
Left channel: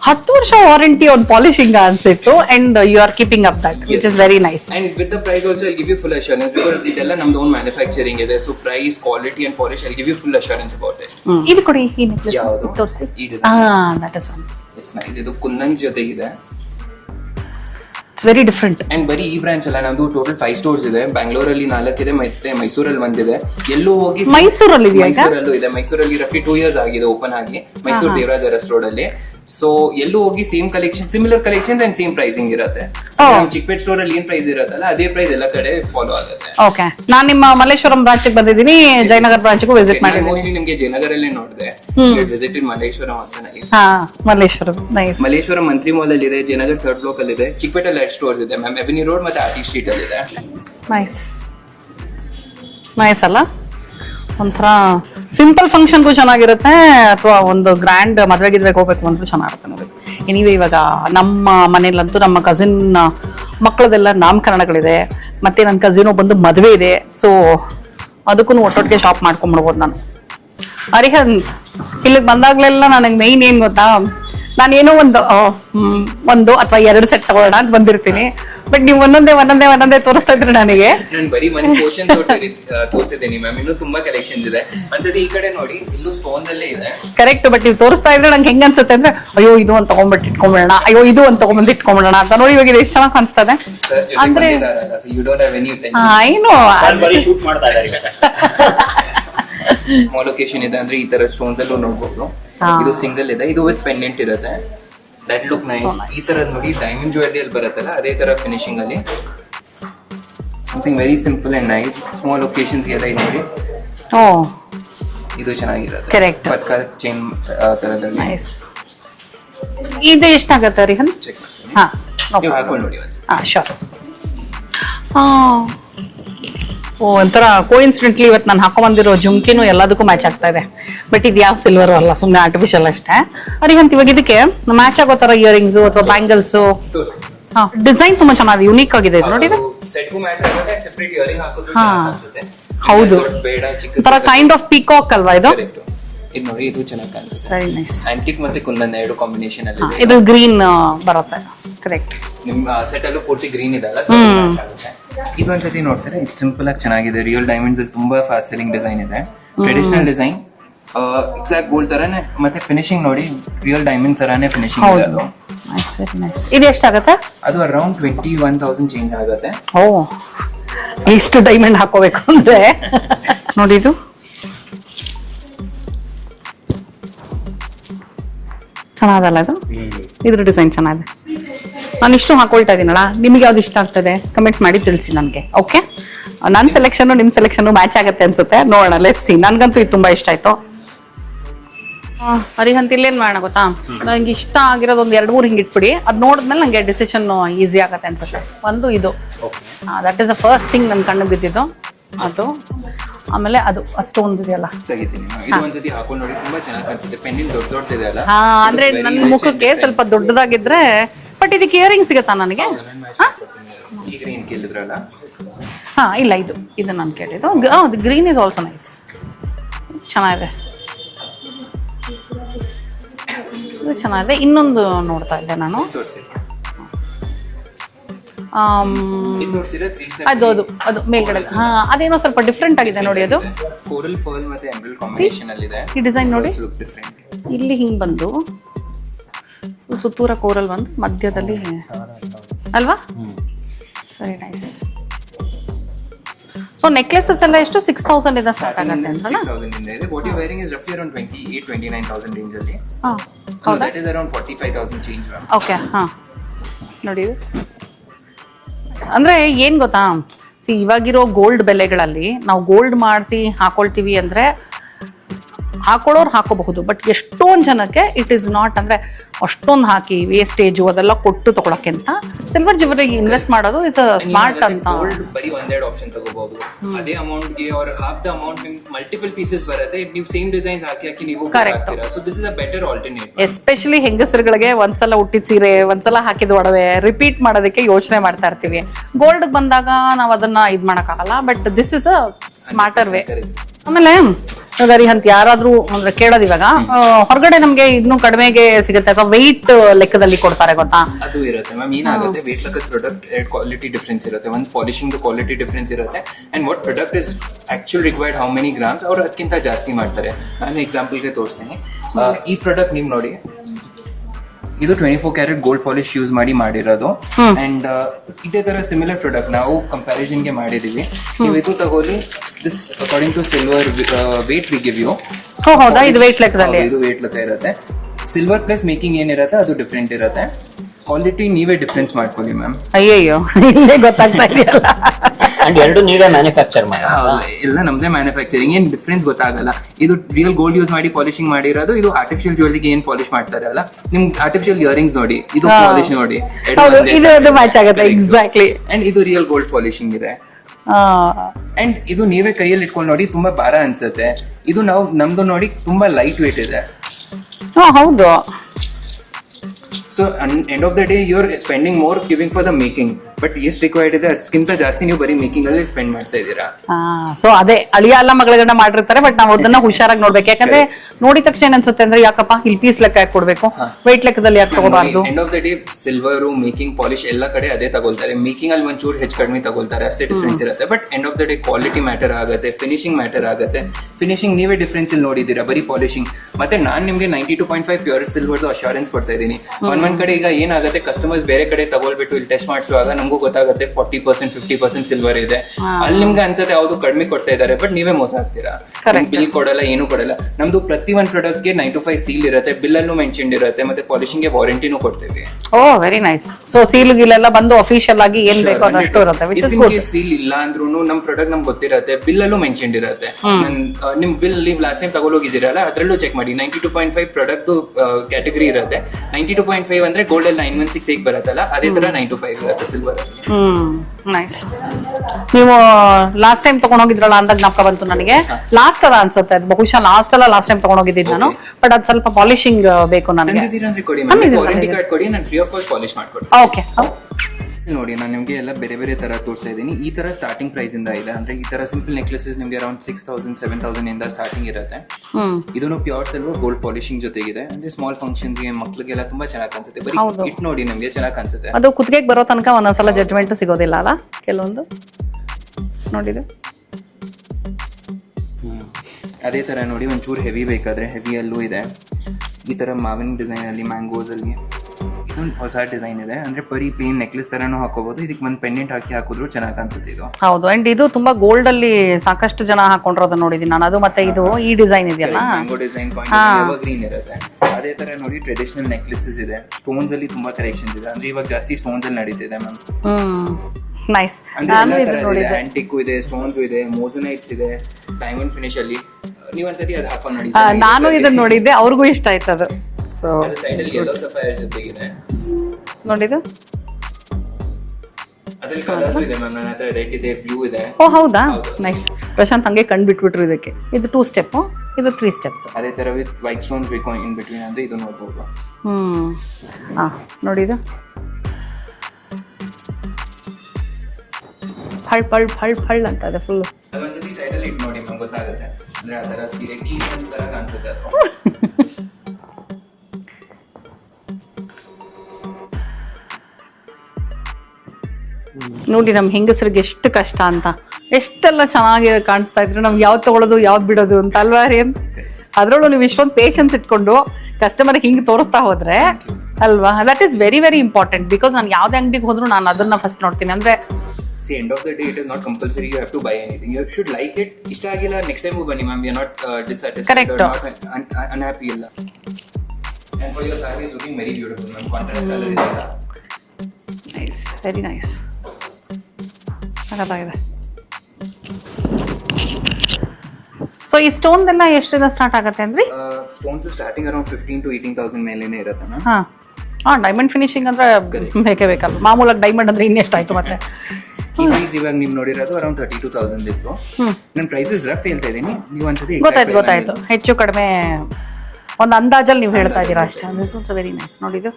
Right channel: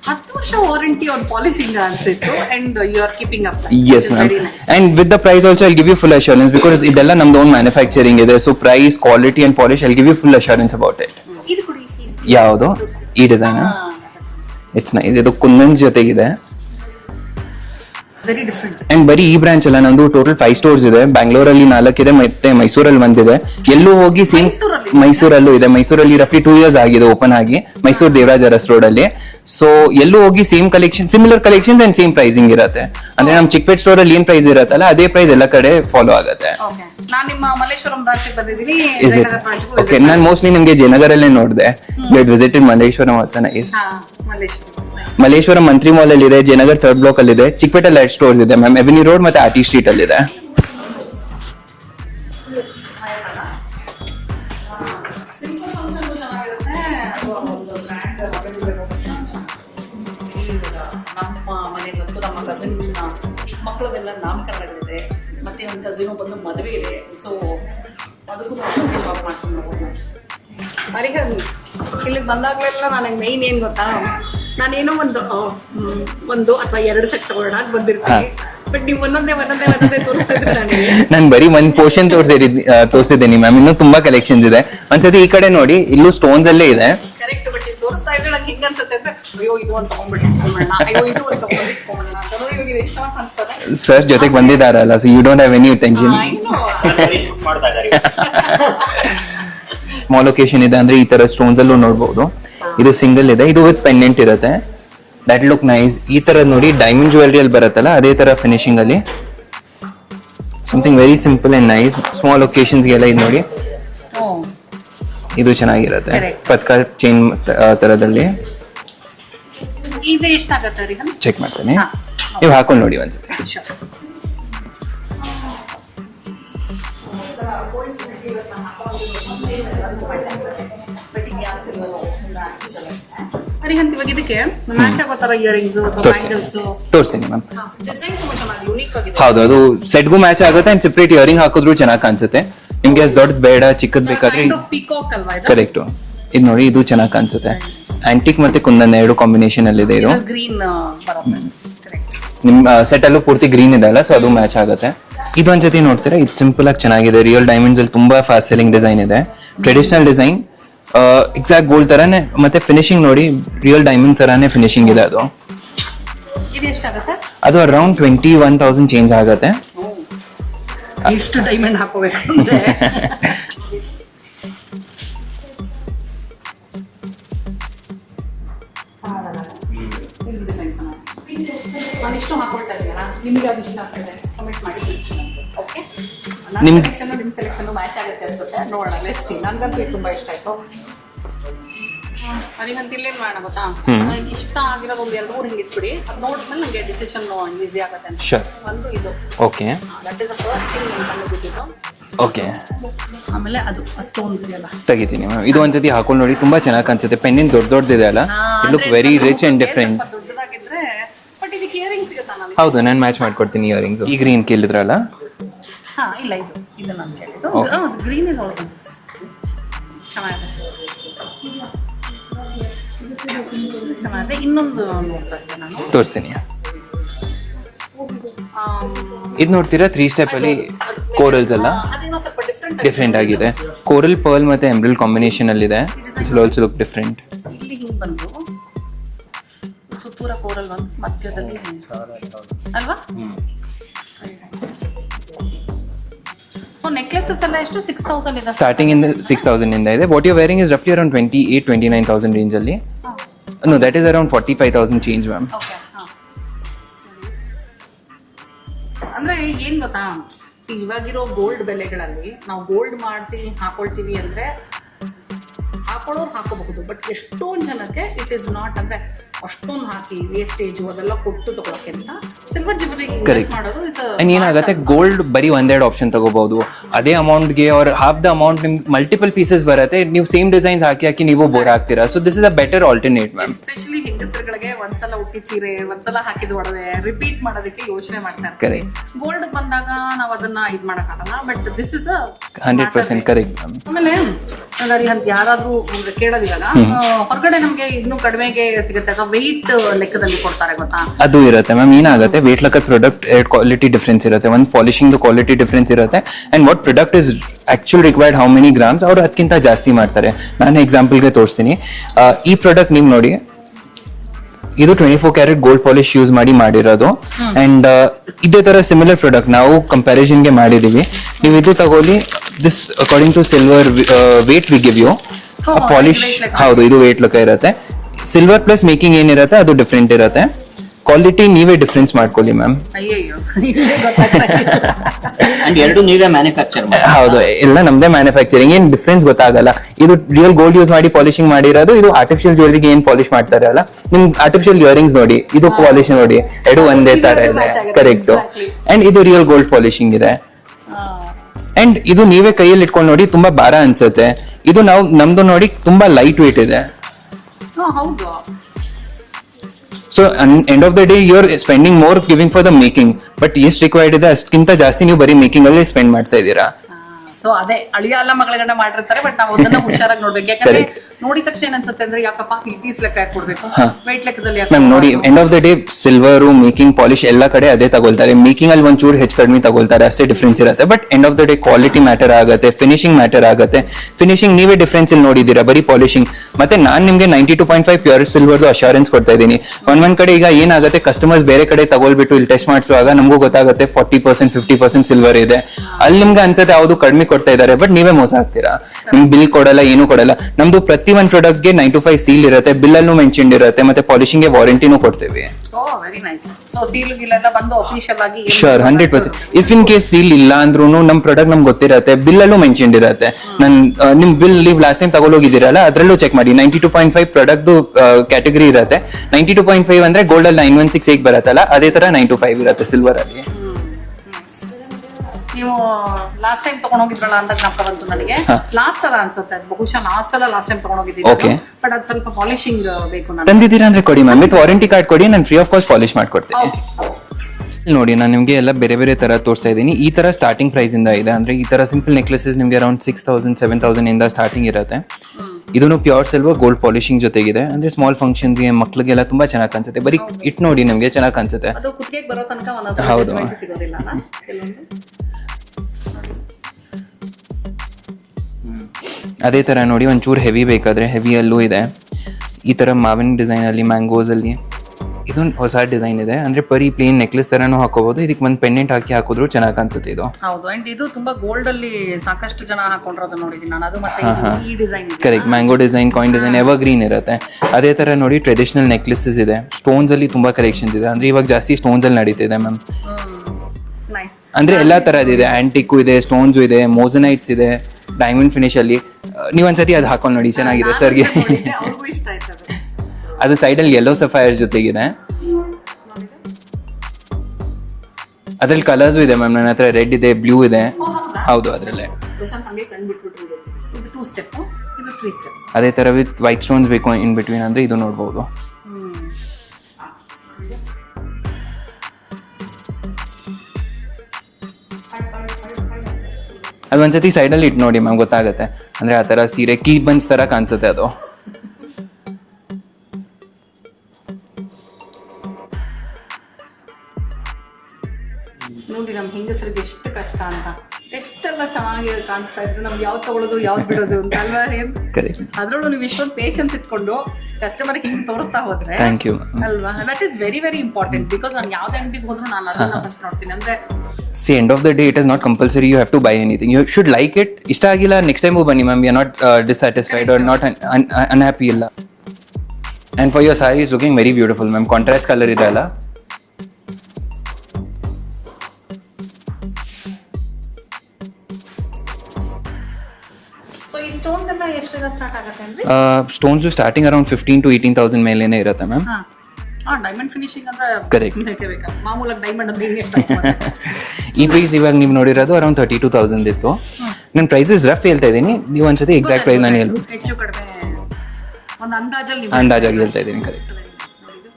10 ವರ್ಷ ವಾರಂಟಿ ಆನ್ ಪಾಲಿಶಿಂಗ್ ಅನ್ಸಿತ್ತು. And you are keeping up that, which is very nice. And with the price also I give you full assurance, because ಇದೆಲ್ಲ ನಮ್ದು ಓನ್ ಮ್ಯಾನುಫ್ಯಾಕ್ಚರಿಂಗ್ ಇದೆ. So price, quality and polish I give you full assurance about it. ಇದು ಕೊಡಿ. ಯಾವುದು? ಈ design. It's nice. ಇದು ಕುಂದನ್ ಜೊತೆಗಿದೆ. It's very different. And ಬರೀ ಈ ಬ್ರಾಂಚ್ ಅಲ್ಲ, ನಮ್ದು ಟೋಟಲ್ 5 ಸ್ಟೋರ್ಸ್ ಇದೆ. ಬ್ಯಾಂಗ್ಳೂರಲ್ಲಿ 4 ಇದೆ, ಮತ್ತೆ ಮೈಸೂರಲ್ಲಿ ಒಂದಿದೆ. ಎಲ್ಲೂ ಹೋಗಿ ಮೈಸೂರಲ್ಲೂ ಇದೆ. ಮೈಸೂರಲ್ಲಿ ರಫ್ಲಿ 2 years ಆಗಿದೆ ಓಪನ್ ಆಗಿ, ಮೈಸೂರು ದೇವರಾಜ ಅರಸ್ ರೋಡ್ ಅಲ್ಲಿ. ಸೊ ಎಲ್ಲೂ ಹೋಗಿ same collection, similar collections and same pricing ಇರುತ್ತೆ. ಅಂದ್ರೆ ನಮ್ ಚಿಕ್ಕಪೇಟ್ ಸ್ಟೋರ್ ಅಲ್ಲಿ ಏನ್ ಪ್ರೈಸ್ ಇರುತ್ತಲ್ಲ ಅದೇ ಪ್ರೈಸ್ ಎಲ್ಲ ಕಡೆ ಫಾಲೋ ಆಗುತ್ತೆ. ಓಕೆ. ನಾನು ನಿಮ್ಮ ಮಲ್ಲೇಶ್ವರಂ ಬ್ರಾಂಚ್ ಬಂದಿದ್ದೀನಿ, ಜಯನಗರ ಬ್ರಾಂಚ್ ವಿಸಿಟ್ ಮಾಡಿ. ನಾನು ಮೋಸ್ಟ್ಲಿ ನಿಮ್ಗೆ ಜಯನಗರಲ್ಲೇ ನೋಡಿದೆ. Visited Malleshwaram also nice. Malleshwaram nice. Malleshwaram ಮಂತ್ರಿ ಮಾಲ್ ಅಲ್ಲಿ ಇದೆ, ಜಯನಗರ್ 3rd block ಅಲ್ಲಿ ಇದೆ, ಚಿಕ್ಕಪೇಟೆ ಲೈಟ್ ಸ್ಟೋರ್ಸ್ ಇದೆ ಮ್ಯಾಮ್. ಎವೆನ್ಯೂ ರೋಡ್ ಮತ್ತೆ ಆರ್ಟಿ ಸ್ಟ್ರೀಟ್ ಅಲ್ಲಿ ಇದೆ. ನೈಸ್ ನೈಸ್ ಅಲ್ಲ, ಒಂಥರ ಸಿಂಪಲ್ ಫಂಕ್ಷನ್ಗೂ ಚೆನ್ನಾಗಿರುತ್ತೆ ಅಥವಾ ಒಂದು ಗ್ರ್ಯಾಂಡ್ ಮದುವೆಗಿದ್ವೆಗೆ ಹೋಗ್ಬೇಕು ಅಂದ್ರೂ ಚೆನ್ನಾಗಿರುತ್ತೆ ನೋಡಿ. ಎನಿವೆ ಇವಾಗ ನಮ್ಮ ಮನೇಲಂತೂ ನಮ್ಮ ಕಸಿನ್ ಮಕ್ಕಳದೆಲ್ಲ ನಾಮಕರಣಗಳಿದೆ, ಮತ್ತೆ ನನ್ನ ಕಸಿನ್ ಬಂದು ಮದುವೆ ಇದೆ. ಸೊ ಅದಕ್ಕೂ ಒಟ್ಟೊಟ್ಟಿಗೆ ಶಾಪ್ ಮಾಡ್ಕೊಂಡ್ಬಿಡ್ಬೋದು ನಾನು. ಅರಿಹನ್ ಇಲ್ಲಿಗೆ ಬಂದಾಗ್ಲೆಲ್ಲ ನನಗೆ ಮೇಯ್ನ್ ಏನ್ ಗೊತ್ತಾ, ನಾನೇನೋ ಒಂದು ಅಥವಾ 2 ಸೆಟ್ ತಗೊಳ್ಳೋಣ ಅಂತ ಬಂದಿರ್ತೀನಿ. ಬಟ್ ನೀವು ಒಂದೊಂದೇ ತೋರಿಸ್ತಾ ಇದ್ರಿ ನನಗೆ. ನಾನು ಬರೀ ಒಂದ್ ಪೋರ್ಷನ್ ತೋರಿಸಿದ್ದೀನಿ ಮ್ಯಾಮ್, ಇನ್ನೂ ತುಂಬಾ ಕಲೆಕ್ಷನ್ಸ್ ಇದೆ. ಒಂದ್ಸತಿ ಈ ಕಡೆ ನೋಡಿ, ಇಲ್ಲೂ ಸ್ಟೋನ್ಸ್ ಅಲ್ಲೇ ಇದೆ. ಕರೆಕ್ಟ್, ಬಟ್ ನೀವು ತೋರಿಸ್ತಾ ಇದ್ರೆ ನಂಗೆ ಹೆಂಗ್ ಅನ್ಸುತ್ತೆ ಅಂದ್ರೆ, ಅಯ್ಯೋ ಇದು ಒಂದು ತಗೊಂಡ್ಬಿಟ್ಟು ಇಟ್ಕೊಂಡ್ಬಿಡೋಣ, ಅಯ್ಯೋ ಇದು ಒಂದು ತಗೊಂಡ್ಬಿಟ್ಟು ಇಟ್ಕೊಂಡ್ಬಿಡೋಣ ಅಂತ. ನೋಡಿ ಇವಾಗ ಇದು ಎಷ್ಟು ಚೆನ್ನಾಗಿ ಕಾಣಿಸ್ತದೆ. ಸರ್ ಜೊತೆಗೆ ಬಂದಿದ್ದಾರಲ್ಲ, so you don't have any tension. ಏನು ಸ್ಮಾಲ್ ಲೊಕೇಶನ್ ಇದೆ ಅಂದ್ರೆ ಈ ತರ ಸ್ಟೋನ್ಸ್ ಅಲ್ಲೂ ನೋಡಬಹುದು. ಇದು ಸಿಂಗಲ್ ಇದೆ, ಇದು ವಿತ್ ಪೆಂಡೆಂಟ್ ಇರುತ್ತೆ. That look nice. ಈ ತರ ನೋಡಿ ಡೈಮಂಡ್ ಜ್ಯುವೆಲರಿ ಅಲ್ಲಿ ಬರುತ್ತಲ್ಲ ಅದೇ ತರ ಫಿನಿಶಿಂಗ್ ಅಲ್ಲಿ, something very simple and nice. Small locations ಗೆಲ್ಲ ಇದು ನೋಡಿ, ಇದು ಚೆನ್ನಾಗಿರುತ್ತೆ. ಪತ್ಕ ಚೈನ್ ತರದಲ್ಲಿ. ಇದು ಎಷ್ಟಾಗತ್ತೆ ರೀ? ಚೆಕ್ ಮಾಡ್ತೇನೆ, ನೀವು ಹಾಕೊಂಡು ನೋಡಿ ಒಂದ್ಸಲ. ಶೋರ್. ಒಂಥರ ಕೋಇನ್ಸಿಡೆಂಟ್ಲಿ ಇವತ್ತು ನಾನು ಹಾಕೊಂಡ್ಬಂದಿರೋ ಜುಮ್ಕಿನೂ ಎಲ್ಲದಕ್ಕೂ ಮ್ಯಾಚ್ ಆಗ್ತಾ ಇದೆ. ಬಟ್ ಇದು ಯಾವ ಸಿಲ್ವರ್ ಅಲ್ಲ, ಸುಮ್ಮನೆ ಆರ್ಟಿಫಿಷಿಯಲ್ ಅಷ್ಟೇ. ಅರಿಹಂತ ಇವಾಗ ಇದಕ್ಕೆ ಮ್ಯಾಚ್ ಆಗೋ ತರ ಇಯರಿಂಗ್ಸ್ ಅಥವಾ ಬ್ಯಾಂಗಲ್ಸ್ ತೋರಿಸ್ತೀನಿ ಮ್ಯಾಮ್. ಡಿಸೈನ್ ತುಂಬಾ ಚೆನ್ನಾಗಿದೆ, ಯುನೀಕ್ ಆಗಿದೆ. ಅದು ಸೆಟ್ಗೂ ಮ್ಯಾಚ್ ಆಗುತ್ತೆ ಅಂಡ್ ಸೆಪರೇಟ್ ಇಯರಿಂಗ್ ಹಾಕಿದ್ರು ಚೆನ್ನಾಗಿ ಕಾಣಿಸುತ್ತೆ. ದೊಡ್ಡ ಬೇಡ, ಚಿಕ್ಕದ ಕೈಂಡ್ ಆಫ್ ಪೀಕಾಕ್ ಅಲ್ವಾ ಇದು? ಕರೆಕ್ಟ್. ಇದು ನೋಡಿ, ಇದು ಚೆನ್ನಾಗಿ ಕಾಣಿಸುತ್ತೆ. ಆಂಟಿಕ್ ಮತ್ತೆ ಕುಂದನ್ ಎರಡು ಕಾಂಬಿನೇಷನ್ ಅಲ್ಲಿ ಇದೆ. ಇದು ಗ್ರೀನ್ ಬರುತ್ತೆ. ಕರೆಕ್ಟ್. ನಿಮ್ ಸೆಟ್ ಅಲ್ಲೂ ಪೂರ್ತಿ ಗ್ರೀನ್ ಇದೆ ಅಲ್ಲ, ಸೊ ಅದು ಮ್ಯಾಚ್ ಆಗುತ್ತೆ. ಇದು ಒಂದ್ಸತಿ ನೋಡ್ತೀರಾ, ಇದು ಸಿಂಪಲ್ ಆಗಿ ಚೆನ್ನಾಗಿದೆ. ರಿಯಲ್ ಡೈಮಂಡ್ಸ್ ಅಲ್ಲಿ ತುಂಬಾ ಫಾಸ್ಟ್ ಸೆಲ್ಲಿಂಗ್ ಡಿಸೈನ್ ಇದೆ. ಟ್ರೆಡಿಷನಲ್ ಡಿಸೈನ್, ಎಕ್ಸಾಕ್ಟ್ ಗೋಲ್ಡ್ ತರಾನೇ, ಮತ್ತೆ ಫಿನಿಶಿಂಗ್ ನೋಡಿ ರಿಯಲ್ ಡೈಮಂಡ್ ತರಾನೇ ಫಿನಿಶಿಂಗ್ ಇದೆ. ಅದು ಇದು ಎಷ್ಟಾಗುತ್ತೆ? ಅದು ಅರೌಂಡ್ 21,000 ಚೇಂಜ್ ಆಗುತ್ತೆ. ಓ, ಎಷ್ಟು ಡೈಮಂಡ್ ಹಾಕೋಬೇಕು ಅಂದ್ರೆ ನೋಡಿ. ಇದು ಚೆನ್ನಾಗಲ್ಲ, ಇದು ಇದ್ರ ಡಿಸೈನ್ ಚೆನ್ನಾಗಿದೆ. ನಾನು ಇಷ್ಟು ಹಾಕೊಳ್ತಾ ಇದೀನಲ್ಲ, ನಿಮ್ಗೆ ಯಾವ್ದು ಇಷ್ಟ ಆಗ್ತದೆ ಕಮೆಂಟ್ ಮಾಡಿ ತಿಳಿಸಿ ನನಗೆ. ಓಕೆ, ನನ್ನ ಸೆಲೆಕ್ಷನ್ ನಿಮ್ ಸೆಲೆಕ್ಷನ್ ಮ್ಯಾಚ್ ಆಗುತ್ತೆ ಅನ್ಸುತ್ತೆ. ನೋಡೋಣ, ಲೆಟ್ಸ್ ಸಿ. ನನ್ಗಂತೂ ಇದು ತುಂಬಾ ಇಷ್ಟ ಆಯ್ತು. ಅರಿಹಂತ ಇಲ್ಲೇನ್ ಮಾಡೋಣ ಗೊತ್ತಾ, ನಂಗೆ ಇಷ್ಟ ಆಗಿರೋದು ಒಂದ್ 2-3 ಹಿಂಗ್ ಇಟ್ಬಿಡಿ. ಅದ್ ನೋಡಿದ್ಮೇಲೆ ನಂಗೆ ಡಿಸಿಷನ್ ಈಸಿ ಆಗತ್ತೆ ಅನ್ಸುತ್ತೆ. ಒಂದು ಇದು, okay, that is the first thing ನನ್ ಕಣ್ಣು ಬಿದ್ದಿದ್ದು. ಆಮೇಲೆ ಅದು ಸ್ಟೋನ್ ಇದೆಯಲ್ಲ ತೆಗಿತೀನಿ. ಇದು ಒಂದ್ಸತಿ ಹಾಕೊಂಡು ನೋಡಿ, ತುಂಬಾ ಚೆನ್ನಾಗಿ ಕಾಣಿಸುತ್ತೆ. ಪೆನ್ನಿನ್ ದೊಡ್ಡದಿದೆ ಅಲ್ಲ, ವೆರಿ ರಿಚ್ ಅಂಡ್ ಡಿಫರೆಂಟ್. ಸ್ವಲ್ಪ ದೊಡ್ಡದಾಗಿದ್ರೆ. ಬಟ್ ಇದಕ್ಕೆ ಇಯರಿಂಗ್ ಸಿಗುತ್ತಾ ನನಗೆ? ಹೌದು, ನಾನು ಮ್ಯಾಚ್ ಮಾಡ್ಕೊಡ್ತೀನಿ ಇಯರಿಂಗ್ಸ್. ಈ ಗ್ರೀನ್ ಕೇಳಿದ್ರಲ್ಲ? ಇಲ್ಲ, ಇದು ನಾನು ಕೇಳಿದ್ದು. ಹೌದು, ಗ್ರೀನ್ ಇಸ್ ಆಲ್ಸೋ ನೈಸ್, ಚೆನ್ನಾಗಿದೆ. ಚೆನ್ನಾಗಿದೆ. ಇನ್ನೊಂದು ನೋಡ್ತಾ ಇದ್ದೆ ನಾನು, ತೋರಿಸ್ತೀನಿ. ಇದು ನೋಡ್ತೀರಾ, 3 ಸ್ಟೆಪ್ ಕೋರಲ್ಸ್ ಅಲ್ಲ, ಅದೇನೋ ಸ್ವಲ್ಪ ಡಿಫರೆಂಟ್ ಆಗಿದೆ. ಕೋರಲ್ ಪರ್ಲ್ ಮತ್ತೆ ಎಮರಲ್ಡ್ ಕಾಂಬಿನೇಷನ್ ಅಲ್ಲಿ ಇದೆ. Also look different. ಇಲ್ಲಿ ಹಿಂಗ್ ಬಂದು ಸುತ್ತೂರ ಕೋರಲ್ ಒಂದು ಮಧ್ಯದಲ್ಲಿ ಅಲ್ವಾ? Very nice. ಸೊ ನೆಕ್ಲೆಸಸ್ ಎಲ್ಲ ಎಷ್ಟು? 6,000 ಇದೆ ಸ್ಟಾರ್ಟಿಂಗ್ ಇಂದ. 6,000 ಇಂದ ಇದೆ. ವಾಟ್ ಯು ವೇರಿಂಗ್ ಇಸ್ ರಫ್ಲಿ ಅರೌಂಡ್ 28,000-29,000 ರೇಂಜ್ ಅಲ್ಲಿ. No, that is around 45,000 change ma'am. Okay, ನೋಡಿ. ಅಂದ್ರೆ ಏನ್ ಗೊತ್ತಾ, ಇವಾಗಿರೋ ಗೋಲ್ಡ್ ಬೆಲೆಗಳಲ್ಲಿ ನಾವು ಗೋಲ್ಡ್ ಮಾಡಿಸಿ ಹಾಕೊಳ್ತೀವಿ ಅಂದ್ರೆ ಹಾಕೊಳ್ಳೋರು ಹಾಕೋಬಹುದು. ಬಟ್ ಎಷ್ಟೊಂದ್ ಜನಕ್ಕೆ ಇಟ್ ಇಸ್ ನಾಟ್, ಅಂದ್ರೆ ಅಷ್ಟೊಂದು ಹಾಕಿ ವೇಸ್ಟೇಜ್ ಅದೆಲ್ಲ ಕೊಟ್ಟು ತಗೊಳಕ್ಕಿಂತ ಸಿಲ್ವರ್ ಜ್ಯುವೆಲರಿ ಇನ್ವೆಸ್ಟ್ ಮಾಡೋದು ಇಸ್ ಏನಾಗುತ್ತೆ, ಗೋಲ್ಡ್ ಬರೀ 1-2 ಆಪ್ಷನ್ ತಗೋಬಹುದು. ಅದೇ ಅಮೌಂಟ್ಗೆ ಅವ್ರ ಹಾಫ್ ದ ಅಮೌಂಟ್ ನಿಮ್ಗೆ ಮಲ್ಟಿಪಲ್ ಪೀಸಸ್ ಬರುತ್ತೆ. ನೀವು ಸೇಮ್ ಡಿಸೈನ್ಸ್ ಹಾಕಿ ನೀವು ಬೋರ್ ಆಗ್ತೀರಾ. So this is a better alternate. Especially ಹೆಂಗಸರುಗಳಿಗೆ ಒಂದ್ಸಲ ಹುಟ್ಟಿದ ಸೀರೆ, ಒಂದ್ಸಲ ಹಾಕಿದ ಒಡವೆ ರಿಪೀಟ್ ಮಾಡೋದಕ್ಕೆ ಯೋಚನೆ ಮಾಡ್ತಾ ಇರ್ತೀವಿ. ಗೋಲ್ಡ್ ಬಂದಾಗ ನಾವ್ ಅದನ್ನ ಇದ್ ಮಾಡಕ್ಕಾಗಲ್ಲ. But this is a smarter way. ಆಮೇಲೆ ಅಂತ ಯಾರಾದ್ರೂ ಅಂದ್ರೆ ಕೇಳೋದು, ಇವಾಗ ಹೊರಗಡೆ ನಮ್ಗೆ ಇನ್ನು ಕಡಿಮೆಗೆ ಸಿಗುತ್ತೆ ಅಥವಾ ವೆಯ್ಟ್ ಲೆಕ್ಕದಲ್ಲಿ ಕೊಡ್ತಾರೆ ಗೊತ್ತಾ? ಅದು ಇರುತ್ತೆ ಮ್ಯಾಮ್. ಏನಾಗುತ್ತೆ, ವೇಟ್ ಲೆಕ್ಕ ಪ್ರಾಡಕ್ಟ್ ಕ್ವಾಲಿಟಿ ಡಿಫರೆನ್ಸ್ ಇರುತ್ತೆ. ಒಂದು ಪಾಲಿಶಿಂಗ್ ಕ್ವಾಲಿಟಿ ಡಿಫರೆನ್ಸ್ ಇರುತ್ತೆ. And what product is actual required how many grams, ಅವ್ರು ಅದಕ್ಕಿಂತ ಜಾಸ್ತಿ ಮಾಡ್ತಾರೆ. ನಾನು ಎಕ್ಸಾಂಪಲ್ಗೆ ತೋರಿಸ್ತೀನಿ. ಈ ಪ್ರಾಡಕ್ಟ್ ನಿಮ್ ನೋಡಿ, ಇದು 24 ಕ್ಯಾರೆಟ್ ಗೋಲ್ಡ್ ಪಾಲಿಶ್ ಯೂಸ್ ಮಾಡಿರೋದು. ಅಂಡ್ ಇದೇ ತರ ಸಿಮಿಲರ್ ಪ್ರಾಡಕ್ಟ್ ನಾವು ಕಂಪ್ಯಾರಿಸನ್ ಗೆ ಮಾಡಿದೀವಿ. ನೀವು ಇದು ತಗೊಳ್ಳಿ. This according to silver weight we give you. ಹೌದು, ಇದು ವೇಟ್ ಲೆಕ್ಕ ಇರುತ್ತೆ. ಸಿಲ್ವರ್ ಪ್ಲಸ್ ಮೇಕಿಂಗ್ ಏನಿರುತ್ತೆ ಅದು ಡಿಫ್ರೆಂಟ್ ಇರುತ್ತೆ. ಕ್ವಾಲಿಟಿ ನೀವೇ ಡಿಫರೆನ್ಸ್ ಮಾಡ್ಕೊಳ್ಳಿ ಮ್ಯಾಮ್. ಅಯ್ಯಯ್ಯೋ, ಎರಡು ನೀವೇ ಮ್ಯಾನುಫ್ಯಾಕ್ಚರ್ ಮಾಡಿ? ಹೌದು, ಎಲ್ಲ ನಮ್ದೇ ಮ್ಯಾನುಫ್ಯಾಕ್ಚರಿಂಗ್. ಏನ್ ಡಿಫ್ರೆನ್ಸ್ ಗೊತ್ತಾಗಲ್ಲ. ಇದು ರಿಯಲ್ ಗೋಲ್ಡ್ ಯೂಸ್ ಮಾಡಿ ಪಾಲಿಶಿಂಗ್ ಮಾಡಿರೋದು. ಇದು ಆರ್ಟಿಫಿಷಿಯಲ್ ಜ್ಯುವೆಲರಿಗೆ ಏನ್ ಪಾಲಿಶ್ ಮಾಡ್ತಾರೆ ಅಲ್ಲ, ನಿಮ್ ಆರ್ಟಿಫಿಷಿಯಲ್ ಇಯರಿಂಗ್ಸ್ ನೋಡಿ, ಇದು ಪಾಲಿಶ್ ನೋಡಿ, ಎರಡು ಒಂದೇ ತರ. ಅಂಡ್ ಇದು ರಿಯಲ್ ಗೋಲ್ಡ್ ಪಾಲಿಶಿಂಗ್ ಇದೆ. ಅಂಡ್ ಇದು ನೀವೇ ಕೈಯಲ್ಲಿ ಇಟ್ಕೊಂಡು ನೋಡಿ ತುಂಬಾ ಭಾರ ಅನ್ಸುತ್ತೆ. ಇದು ನಮ್ದು ನೋಡಿ ತುಂಬಾ ಲೈಟ್ ವೇಟ್ ಇದೆ. ಹೌದು. So end of the day you are spending more giving for the making, but ಎಷ್ಟು ರಿಕ್ವೈರ್ಡ್ ಇದೆ ಅಷ್ಟಕ್ಕಿಂತ ಜಾಸ್ತಿ ನೀವು ಬರೀ ಮೇಕಿಂಗ್ ಅಲ್ಲಿ ಸ್ಪೆಂಡ್ ಮಾಡ್ತಾ ಇದ್ದೀರಾ. ಸೊ ಅದೇ ಅಳಿಯ ಎಲ್ಲ ಮಗಳ ಮಾಡಿರ್ತಾರೆ, ಬಟ್ ನಾವು ಅದನ್ನ ಹುಷಾರಾಗಿ ನೋಡ್ಬೇಕು. ಯಾಕಂದ್ರೆ ನೋಡಿದ ತಕ್ಷಣ ಏನ್ ಅನ್ಸುತ್ತೆ ಅಂದ್ರೆ ಯಾಕಪ್ಪ ಇಲ್ಲಿ ಪೀಸ್ ಲೆಕ್ಕ ಯಾಕೆ ಕೊಡ್ಬೇಕು, ವೆಯ್ಟ್ ಲೆಕ್ಕದಲ್ಲಿ ಯಾಕೆ ನೋಡಿ end of the day silver making polish ಎಲ್ಲಾ ಕಡೆ ಅದೇ ತಗೊಳ್ತಾರೆ. ಮೇಕಿಂಗ್ ಅಲ್ಲಿ ಒಂಚೂರು ಹೆಚ್ಚು ಕಡಿಮೆ ತಗೊಳ್ತಾರೆ, ಅಷ್ಟೇ ಡಿಫ್ರೆನ್ಸ್ ಇರುತ್ತೆ. But end of the day quality matter ಆಗುತ್ತೆ, ಫಿನಿಶಿಂಗ್ ಮ್ಯಾಟರ್ ಆಗುತ್ತೆ. ಫಿನಿಶಿಂಗ್ ನೀವೇ ಡಿಫ್ರೆನ್ಸ್ ಇಲ್ಲಿ ನೋಡಿದ್ದೀರಾ, ಬರೀ ಪಾಲಿಶಿಂಗ್. ಮತ್ತೆ ನಾನ್ ನಿಮ್ಗೆ 92.5 ಪ್ಯೂರ್ ಸಿಲ್ವರ್ ಅಶ್ಯೂರೆನ್ಸ್ ಕೊಡ್ತಾ ಇದ್ದೀನಿ. ಒಂದ್ ಕಡೆ ಈಗ ಏನಾಗುತ್ತೆ, ಕಸ್ಟಮರ್ಸ್ ಬೇರೆ ಕಡೆ ತಗೊಳ್ಬಿಟ್ಟು ಇಲ್ಲಿ ಟೆಸ್ಟ್ ಮಾಡಿಸುವಾಗ ನಮಗೂ ಗೊತ್ತಾಗುತ್ತೆ 40% 50% ಸಿಲ್ವರ್ ಇದೆ. ಅಲ್ಲಿ ನಿಮ್ಗೆ ಅನ್ಸುತ್ತೆ ಯಾವ್ದು ಕಡಿಮೆ ಕೊಡ್ತಾ ಇದ್ದಾರೆ, ಬಟ್ ನೀವೇ ಮೋಸ ಆಗ್ತೀರಾ. ನಿಮ್ಗೆ ಬಿಲ್ ಕೊಡಲ್ಲ, ಏನು ಕೊಡಲ್ಲ. ನಮ್ದು ಪ್ರತಿ ಒಂದ್ ಪ್ರಾಡಕ್ಟ್ ಗೆ 925 ಸೀಲ್ ಇರುತ್ತೆ, ಬಿಲ್ ಅಲ್ಲೂ ಮೆನ್ಷನ್ ಇರುತ್ತೆ, ಮತ್ತೆ ಪಾಲಿಶಿಂಗ್ ಗೆ ವಾರಂಟಿನೂ ಕೊಡ್ತೀವಿ. ಓ ವೆರಿ ನೈಸ್. ಸೊ ಸೀಲ್ ಗಿಲೆಲ್ಲ ಬಂದು ಅಫಿಷಿಯಲ್ ಆಗಿ ಏನ್ Sure, 100%. If in case seal ಇಲ್ಲ ಅಂದ್ರೂ ನಮ್ ಪ್ರಾಡಕ್ಟ್ ನಮ್ಗೆ ಗೊತ್ತಿರತ್ತೆ, ಬಿಲ್ ಅಲ್ಲೂ ಮೆನ್ಷನ್ ಇರುತ್ತೆ. ನಿಮ್ ಬಿಲ್ ನೀವು ಲಾಸ್ಟ್ ಟೈಮ್ ತಗೊಳೋಗಿದ್ದೀರಲ್ಲ ಅದ್ರಲ್ಲೂ ಚೆಕ್ ಮಾಡಿ. 92.5 ಪ್ರಾಡಕ್ಟ್ ಕ್ಯಾಟಗರಿ ಇರುತ್ತೆ. 92.5 ಅಂದ್ರೆ ಗೋಲ್ಡ್ ಅಲ್ಲಿ 916 ಹೇಗ್ ಬರತ್ತಲ್ಲ, ಅದೇ ತರ 925 ಇರುತ್ತೆ ಸಿಲ್ವರ್ ಅಲ್ಲಿ. ನೈಸ್. ನೀವು ಲಾಸ್ಟ್ ಟೈಮ್ ತಗೊಂಡೋಗಿದ್ರಲ್ಲ ಅಂದಾಗ ಜ್ಞಾಪಕ ಬಂತು ನನಗೆ. ಲಾಸ್ಟ್ ಅಲ್ಲ ಅನ್ಸುತ್ತೆ, ಬಹುಶಃ ಲಾಸ್ಟ್ ಟೈಮ್ ತಗೊಂಡೋಗಿದ್ದೀನಿ ನಾನು. ಬಟ್ ಅದ್ ಸ್ವಲ್ಪ ಪಾಲಿಶಿಂಗ್ ಬೇಕು ನನಗೆ. ತಂದಿದ್ದೀರಾ ಅಂದ್ರೆ ಕೊಡಿ ಮ್ಯಾಮ್, ವಿತ್ ವಾರಂಟಿ ಕಾರ್ಡ್ ಕೊಡಿ, ನಾನು ಫ್ರೀ ಆಫ್ ಕಾಸ್ಟ್ ಪಾಲಿಶ್ ಮಾಡ್ಕೊಡ್ತೀನಿ. ಓಕೆ. ನೋಡಿ ನಾನು ನಿಮ್ಗೆ ಎಲ್ಲ ಬೇರೆ ಬೇರೆ ತರ ತೋರಿಸ್ತಾ ಇದ್ದೀನಿ. ಈ ತರ ಸ್ಟಾರ್ಟಿಂಗ್ ಪ್ರೈಸ್ ಇಂದ ಇದೆ. ಅಂದ್ರೆ ಈ ತರ ಸಿಂಪಲ್ ನೆಕ್ಲೆಸಸ್ ನಿಮ್ಗೆ ಅರೌಂಡ್ 6,000 7,000 ಇಂದ ಸ್ಟಾರ್ಟಿಂಗ್ ಇರುತ್ತೆ. ಇದನ್ನು ಪ್ಯೂರ್ ಸಿಲ್ವರ್ ಗೋಲ್ಡ್ ಪಾಲಿಶಿಂಗ್ ಜೊತೆಗಿದೆ. ಅಂದ್ರೆ ಸ್ಮಾಲ್ ಫಂಕ್ಷನ್ಸ್ ಗೆ ಮಕ್ಳಿಗೆಲ್ಲ ತುಂಬಾ ಚೆನ್ನಾಗಿ ಕಾಣಿಸುತ್ತೆ. ಬರೀ ಇಟ್ ನೋಡಿ ನಿಮ್ಗೆ ಚೆನ್ನಾಗಿ ಕಾಣಿಸುತ್ತೆ. ಅದು ಕುತ್ತಿಗೆಗೆ ಬರೋ ತನಕ ಒಂದೊಂದ್ಸಲ ಜಡ್ಜ್ಮೆಂಟ್ ಸಿಗೋದಿಲ್ಲ ಅಲ್ಲ ಕೆಲವೊಂದು. ನೋಡಿದೆ ಅದೇ ತರ ನೋಡಿ ಒಂಚೂರು ಹೆವಿ ಬೇಕಾದ್ರೆ ಹೆವಿಯಲ್ಲೂ ಇದೆ. ಈ ತರ ಮಾವಿನ ಡಿಸೈನ್ ಅಲ್ಲಿ, ಮ್ಯಾಂಗೋಸ್ ಅಲ್ಲಿ ಇದೊಂದು ಹೊಸ ಡಿಸೈನ್ ಇದೆ. ಅಂದ್ರೆ ಬರೀ ಪ್ಲೇನ್ ನೆಕ್ಲೆಸ್ ತರನು ಹಾಕೋಬಹುದು. ಇದಕ್ಕೆ ಒಂದು ಪೆಂಡೆಂಟ್ ಹಾಕಿ ಹಾಕಿದ್ರು ಚೆನ್ನಾಗಿ ಕಾಣಿಸುತ್ತೆ ಇದು. ಹೌದು. ಅಂಡ್ ಇದು ತುಂಬಾ ಗೋಲ್ಡ್ ಅಲ್ಲಿ ಸಾಕಷ್ಟು ಜನ ಹಾಕೊಂಡಿರೋದನ್ನ ನೋಡಿದೀನಿ ನಾನು. ಅದು ಮತ್ತೆ ಇದು ಈ ಡಿಸೈನ್ ಇದೆ. Correct, mango design, coin design, ever green ಇರುತ್ತೆ. ಅದೇ ತರ ನೋಡಿ ಟ್ರೆಡಿಷನಲ್ ನೆಕ್ಲೆಸಸ್ ಇದೆ. ಸ್ಟೋನ್ಸ್ ಅಲ್ಲಿ ತುಂಬಾ ಕಲೆಕ್ಷನ್ಸ್ ಇದೆ. ಅಂದ್ರೆ ಇವಾಗ ಜಾಸ್ತಿ ಸ್ಟೋನ್ಸ್ ಅಲ್ಲಿ ನಡೀತಿದೆ ಮ್ಯಾಮ್. ನೈಸ್. ಅಂದ್ರೆ ಎಲ್ಲಾ ತರದ್ ಇದೆ. ಆಂಟಿಕ್ ಇದೆ, ಸ್ಟೋನ್ಸ್ ಇದೆ, ಮೋಸನೈಟ್ಸ್ ಇದೆ, ಡೈಮಂಡ್ ಫಿನಿಶ್ ಅಲ್ಲಿ. ನೀವ್ ಒಂದ್ಸತಿ ಅದು ಹಾಕೊಂಡ್ ನೋಡಿ, ಚೆನ್ನಾಗಿದೆ ಸರ್. ನೋಡಿದ್ದೆ, ಅವ್ರಿಗೂ ಇಷ್ಟ ಆಯ್ತು ಅದು. ಅದು ಸೈಡ್ ಅಲ್ಲಿ ಯೆಲ್ಲೋ ಸಫೈರ್ ಜೊತೆಗಿದೆ. ನೋಡಿದ್ದು ಅದ್ರಲ್ಲಿ ಕಲರ್ಸ್ ಇದೆ ಮ್ಯಾಮ್. ನನ್ನ ಹತ್ರ ರೆಡ್ ಇದೆ, ಬ್ಲೂ ಇದೆ. ಓ ಹೌದಾ? ಹೌದು. ಪ್ರಶಾಂತ್ ಹಂಗೆ ಕಂಡು ಬಿಟ್ಬಿಟ್ರು. ಇದಕ್ಕೆ ಇದು 2 ಸ್ಟೆಪ್, ಇದು 3 ಸ್ಟೆಪ್ಸ್. ಅದೇ ತರ ವಿತ್ ವೈಟ್ ಸ್ಟೋನ್ಸ್ ಬೇಕು ಇನ್ ಬಿಟ್ವೀನ್ ಅಂದ್ರೆ ಇದು ನೋಡಬಹುದು. ನೋಡಿದ್ದು ಫಳ್ ಅಂತ ಇದೆ ಫುಲ್. ಅದು ಒಂದ್ಸತಿ ಸೈಡ್ ಅಲ್ಲಿ ಇಟ್ಟು ನೋಡಿ ಮ್ಯಾಮ್, ಗೊತ್ತಾಗುತ್ತೆ. ಅಂದ್ರೆ ಆ ತರ ಸೀರೆ ಕೀ ಬನ್ಸ್ ತರ ಕಾಣಿಸುತ್ತೆ ಅದು. ನೋಡಿ ನಮ್ ಹೆಂಗಸರಿಗೆ ಎಷ್ಟು ಕಷ್ಟ ಅಂತ, ಎಷ್ಟೆಲ್ಲ ಚೆನ್ನಾಗಿ ಕಾಣಿಸ್ತಾ ಇದ್ರು. ನಮ್ಗೆ ಯಾವ್ದು ತಗೊಳ್ಳೋದು ಯಾವ್ದು ಬಿಡೋದು ಅಂತ ಅಲ್ವಾ ರೀ? ಅದ್ರೊಳಗೆ ನೀವು ಇಷ್ಟೊಂದು ಪೇಷನ್ಸ್ ಇಟ್ಕೊಂಡು ಕಸ್ಟಮರ್ ಹಿಂಗ್ ತೋರಿಸ್ತಾ ಹೋದ್ರೆ ಅಲ್ವಾ, that is very very important. Because ನಾನು ಯಾವ್ದೇ ಅಂಗಡಿಗೆ ಹೋದ್ರು ನಾನು ಅದನ್ನ ಫಸ್ಟ್ ನೋಡ್ತೀನಿ. ಅಂದ್ರೆ end of the day it is not compulsory you have to buy anything. You should like it. ಇಷ್ಟ ಆಗಿಲ್ಲ ನೆಕ್ಸ್ಟ್ ಟೈಮ್ ಬನ್ನಿ ma'am. You are not dissatisfied or not unhappy ಇಲ್ಲ. And for your saree is looking very beautiful ma'am. Contrast colour ಇದೆ ಅಲ್ಲ, nice, very nice. So ಈ stone ಎಲ್ಲ ಎಷ್ಟಿಂದ start ಆಗುತ್ತೆ ಅಂದ್ರೆ? ಸ್ಟೋನ್ಸ್ ಸ್ಟಾರ್ಟಿಂಗ್ ಅರೌಂಡ್ 15,000 to 18,000 ಮೇಲೇನೆ ಇರುತ್ತೆ ಮ್ಯಾಮ್. ಡೈಮಂಡ್ ಫಿನಿಶಿಂಗ್ ಅಂದ್ರೆ ಬೇಕೇ ಬೇಕಲ್ಲ. ಮಾಮೂಲಾಗಿ ಡೈಮಂಡ್ ಅಂದ್ರೆ ಇನ್ನೆಷ್ಟಾಯ್ತು ಮತ್ತೆ? ಈ ಪ್ರೈಸ್ ಇವಾಗ ನೀವು ನೋಡಿರೋದು ಅರೌಂಡ್ 32,000 ಇತ್ತು. ನನ್ನ ಪ್ರೈಸಸ್ ರಫ್ ಹೇಳ್ತಾ ಇದ್ದೀನಿ, ನೀವು ಒಂದ್ಸತಿ ಎಕ್ಸಾಕ್ಟ್ ಪ್ರೈಸ್ ನಾನು ಹೇಳಿ. ಹೆಚ್ಚು ಕಡಿಮೆ ಒಂದು ಅಂದಾಜಲ್ಲಿ ನೀವು ಹೇಳ್ತಾ ಇದ್ದೀರಾ. Very nice. ನೋಡಿದ್ದು